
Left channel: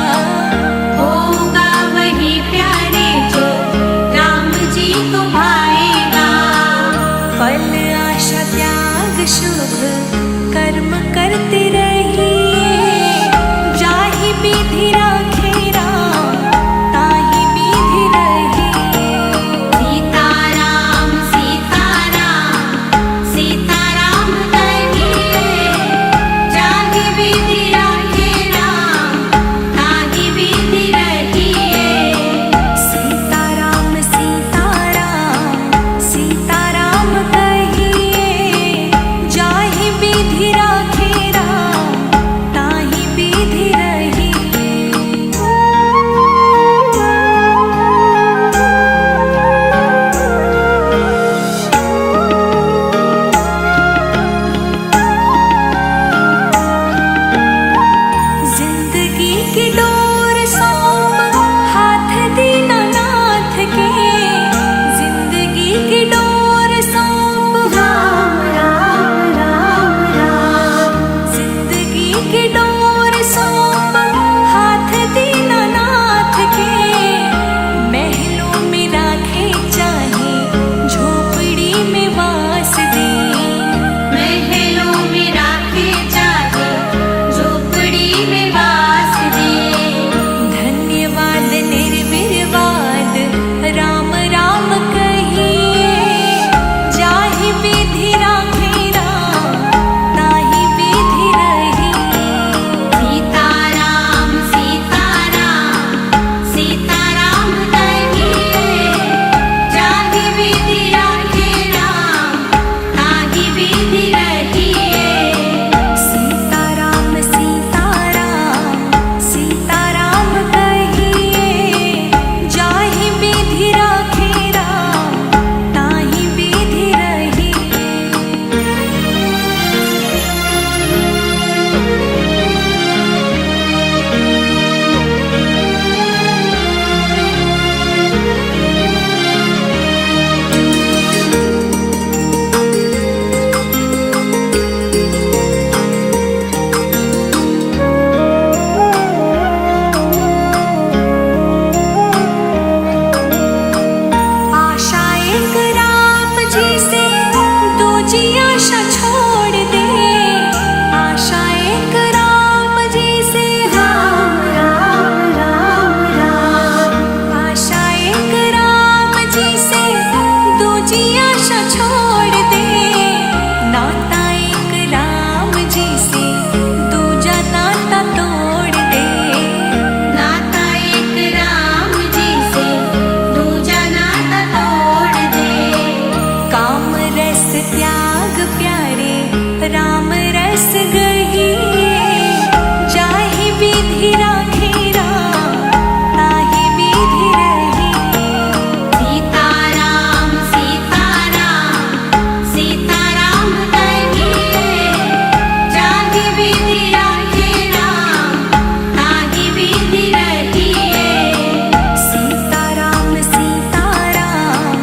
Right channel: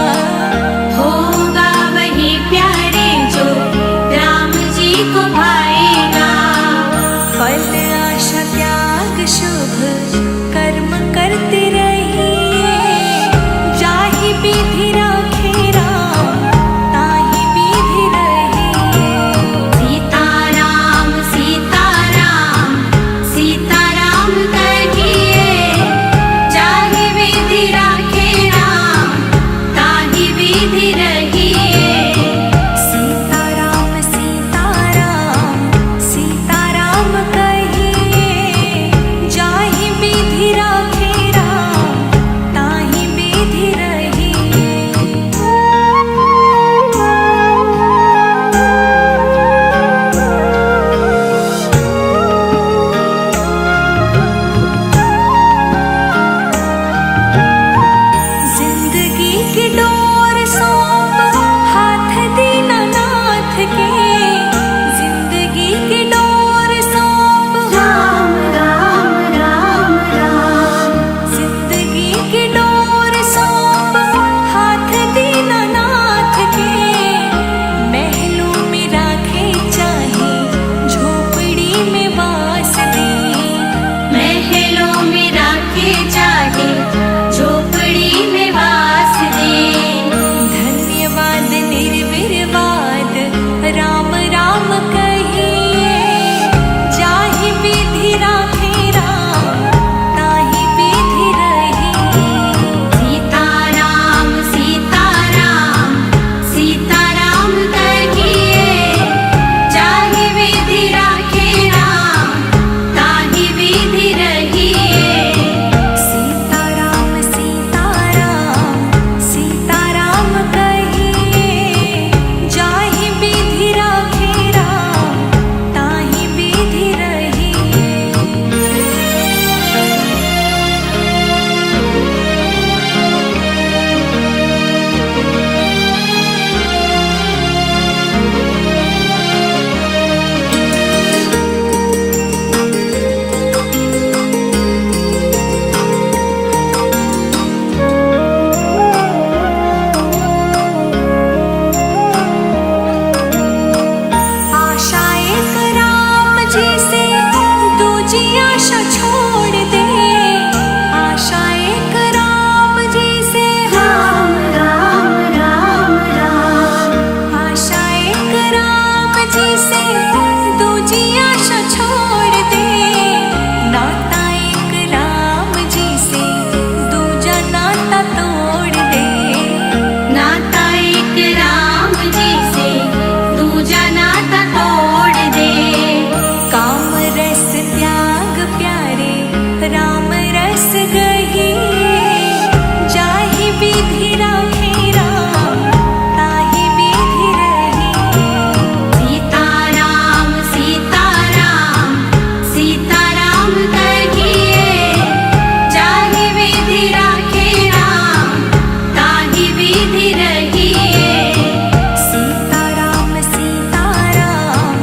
होगा वही प्यारे जो राम जी को भाएगा। फल आशा त्याग शुभ कर्म करते रहिए, जाहि विधि राखे राम ताहि विधि रहिए। सीताराम सीताराम सीताराम कहिए, जाहि विधि राखे राम ताहि विधि रहिए। सीताराम सीताराम सीताराम कहिए, जाहि विधि राखे राम ताहि विधि रहिए। जिंदगी की डोर सौंप हाथ दीनानाथ के, जिंदगी की डोर सौंप राम राम राम राम, जिंदगी की डोर सौंप हाथ दीनानाथ के। महलों में राखे चाहे झोपड़ी में वास दे, महलों में राखे चाहे झोपड़ी में वास दे। धन्यवाद निर्विवाद राम राम कहिए, जाहि विधि राखे राम ताहि विधि रहिए। सीताराम सीताराम सीताराम कहिए, जाहि विधि राखे राम ताहि विधि रहिए। सीताराम सीताराम सीताराम कहिए, जाहि विधि राखे राम ताहि विधि रहिए। आशा एक राम जी से दूजी आशा छोड़ दे, आशा एक राम जी से राम राम राम राम, आशा एक राम जी से दूजी आशा छोड़ दे। नाता एक राम जी से दूजा नाता तोड़ दे, नाता एक राम जी से दूजा नाता तोड़ दे। काम रस त्याग प्यारे राम रस गहिए, जाहि विधि राखे राम ताहि विधि रहिए। सीताराम सीताराम सीताराम कहिए, जाहि विधि राखे राम ताहि विधि रहिए। सीताराम सीताराम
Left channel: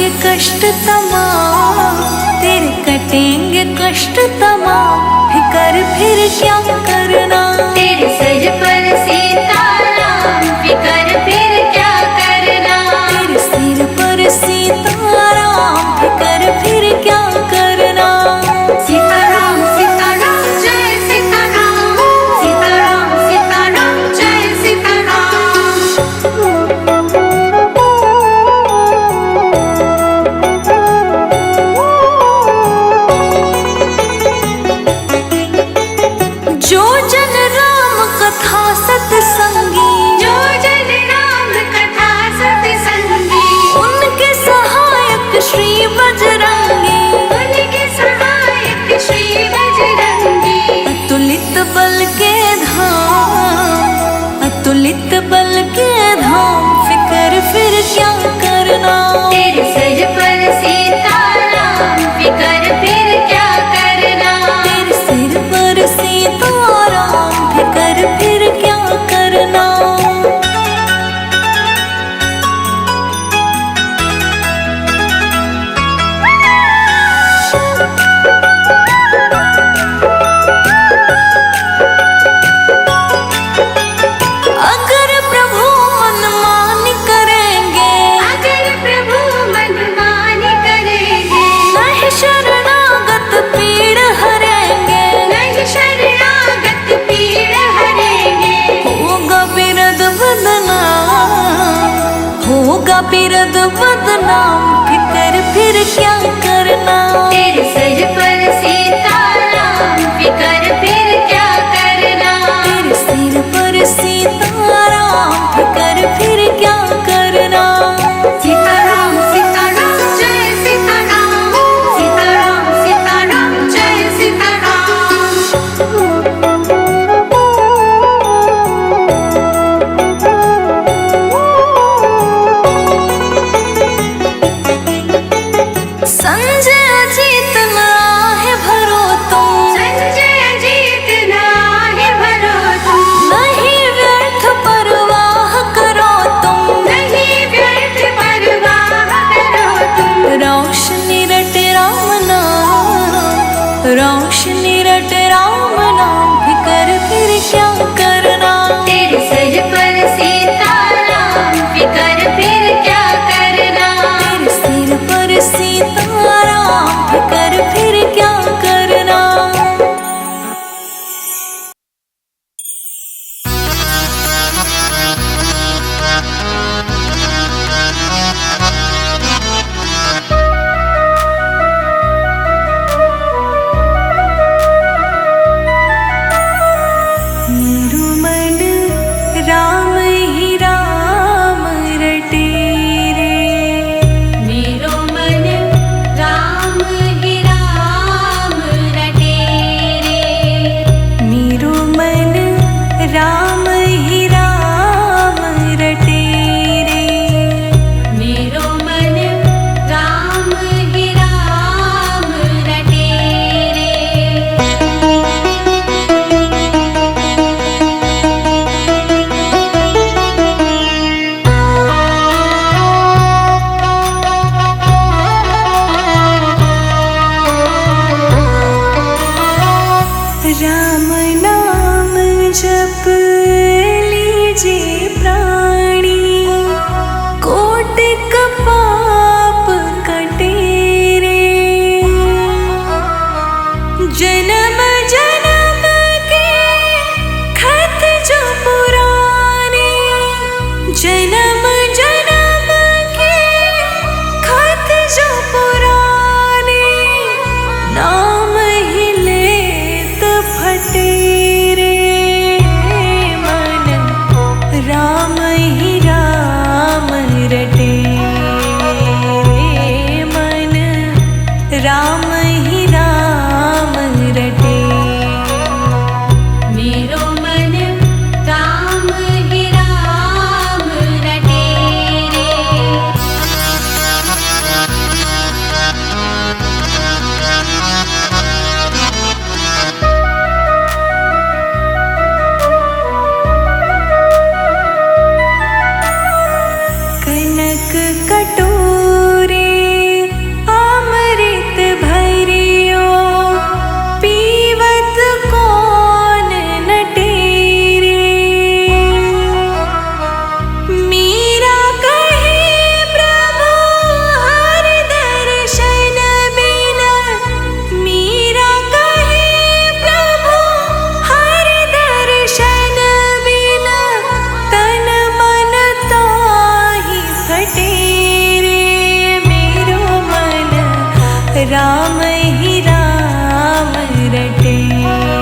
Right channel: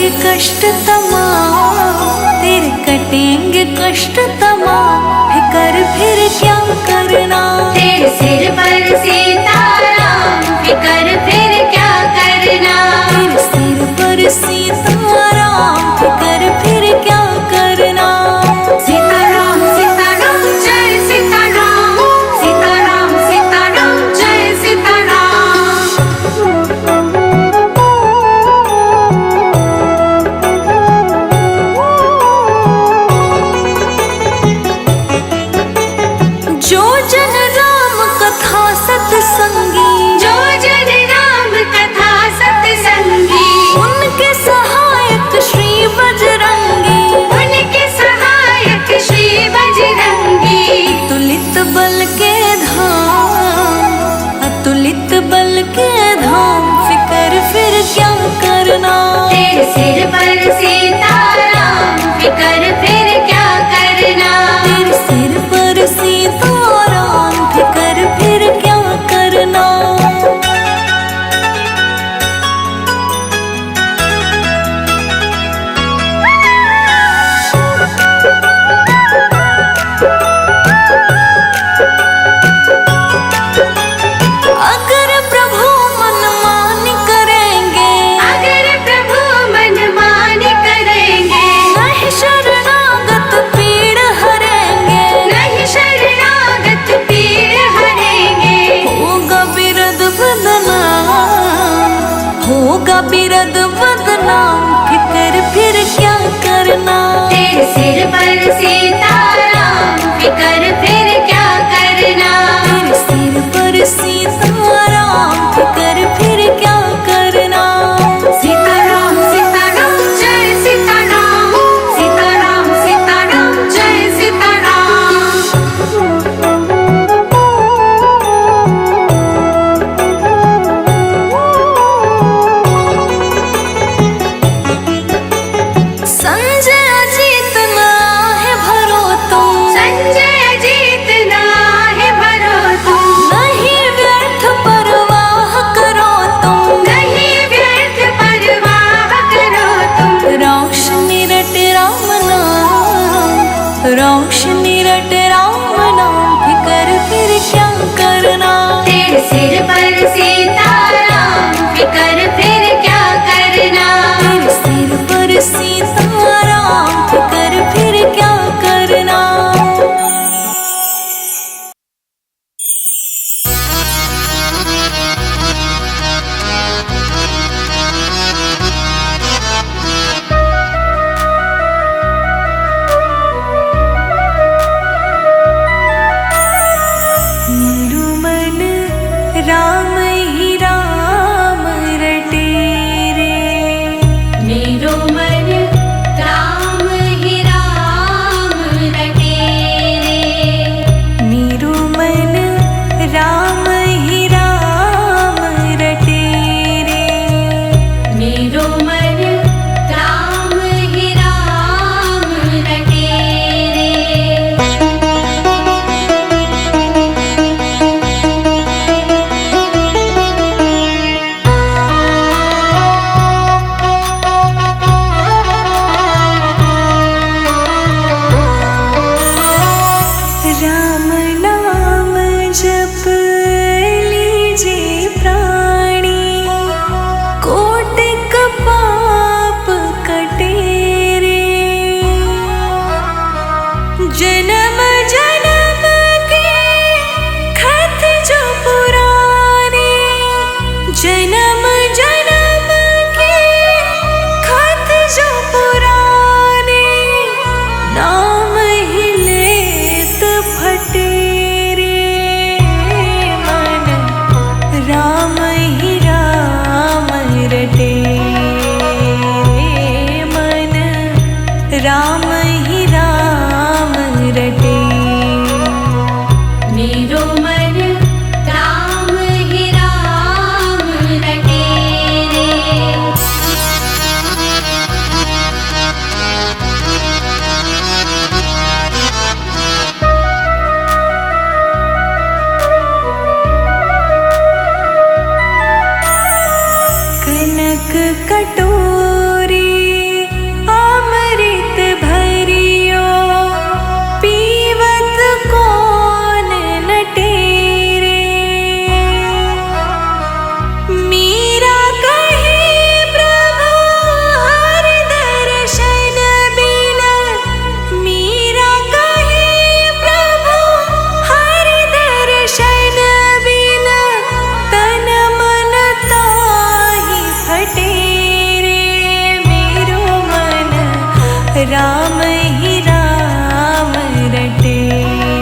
कटेंगे कष्ट तमाम, तेरे कटेंगे कष्ट तमाम, फिकर फिर क्या करना। तेरे सिर पर सीताराम, फिकर फिर क्या करना। तेरे सिर पर सीताराम, फिकर फिर क्या करना। सीताराम सीताराम जय सीताराम, सीताराम सीताराम जय सीताराम। जो जन राम कथा सत्संगी, जो जन राम कथा सत्संगी, उनके सहायक श्री बजरंगी। उनके सहायक श्री बजरंगी। अतुलित बल के धाम, अतुलित बल के धाम, फिकर फिर क्या करना। तेरे सिर पर सीताराम, फिकर फिर क्या करना। तेरे सिर पर सीताराम, फिकर फिर क्या करना। अगर प्रभु मनमान करेंगे, अगर प्रभु मनमान करेंगे, नहीं शरणागत पीड़ हरेंगे। नहीं शरणागत पीड़ हरेंगे। होगा बिरद बदनाम, होगा बिरद बदनाम, फिकर फिर क्या करना। तेरे सिर पर सीताराम, फिकर फिर क्या करना। तेरे सिर पर सीताराम, फिकर फिर क्या करना। सीताराम सीताराम जय सीताराम, सीताराम सीताराम जय सीताराम। संजय अजीत ना है भरो तुम, संजय जीत ना है भरो तुम, नहीं व्यर्थ परवाह करो तुम। नहीं व्यर्थ परवाह करो तुम। रोशनी रट राम नाम, रोशनी रट राम नाम, फिकर फिर क्या करना। तेरे सिर पर सीताराम, फिकर फिर क्या करना। तेरे सिर पर सीताराम, फिकर फिर क्या करना। मेरू मन राम ही राम रटे रे। मेरो मन राम ही राम रटे रे। मेरू मन राम ही राम रटे रे। मेरो मन राम ही राम रटे रे। राम नाम जप लीजे प्राणी, कोटिक पाप कटे रे। जन्म जन्म के खत जो पुराने, जन्म जन्म के खत जो पुराने, नाम ही लेत फटे रे। मन राम ही राम रटे रे। मन राम ही राम रटे। मेरो मन राम ही राम रटे रे। कनक कटोरे राम ही राम रटे।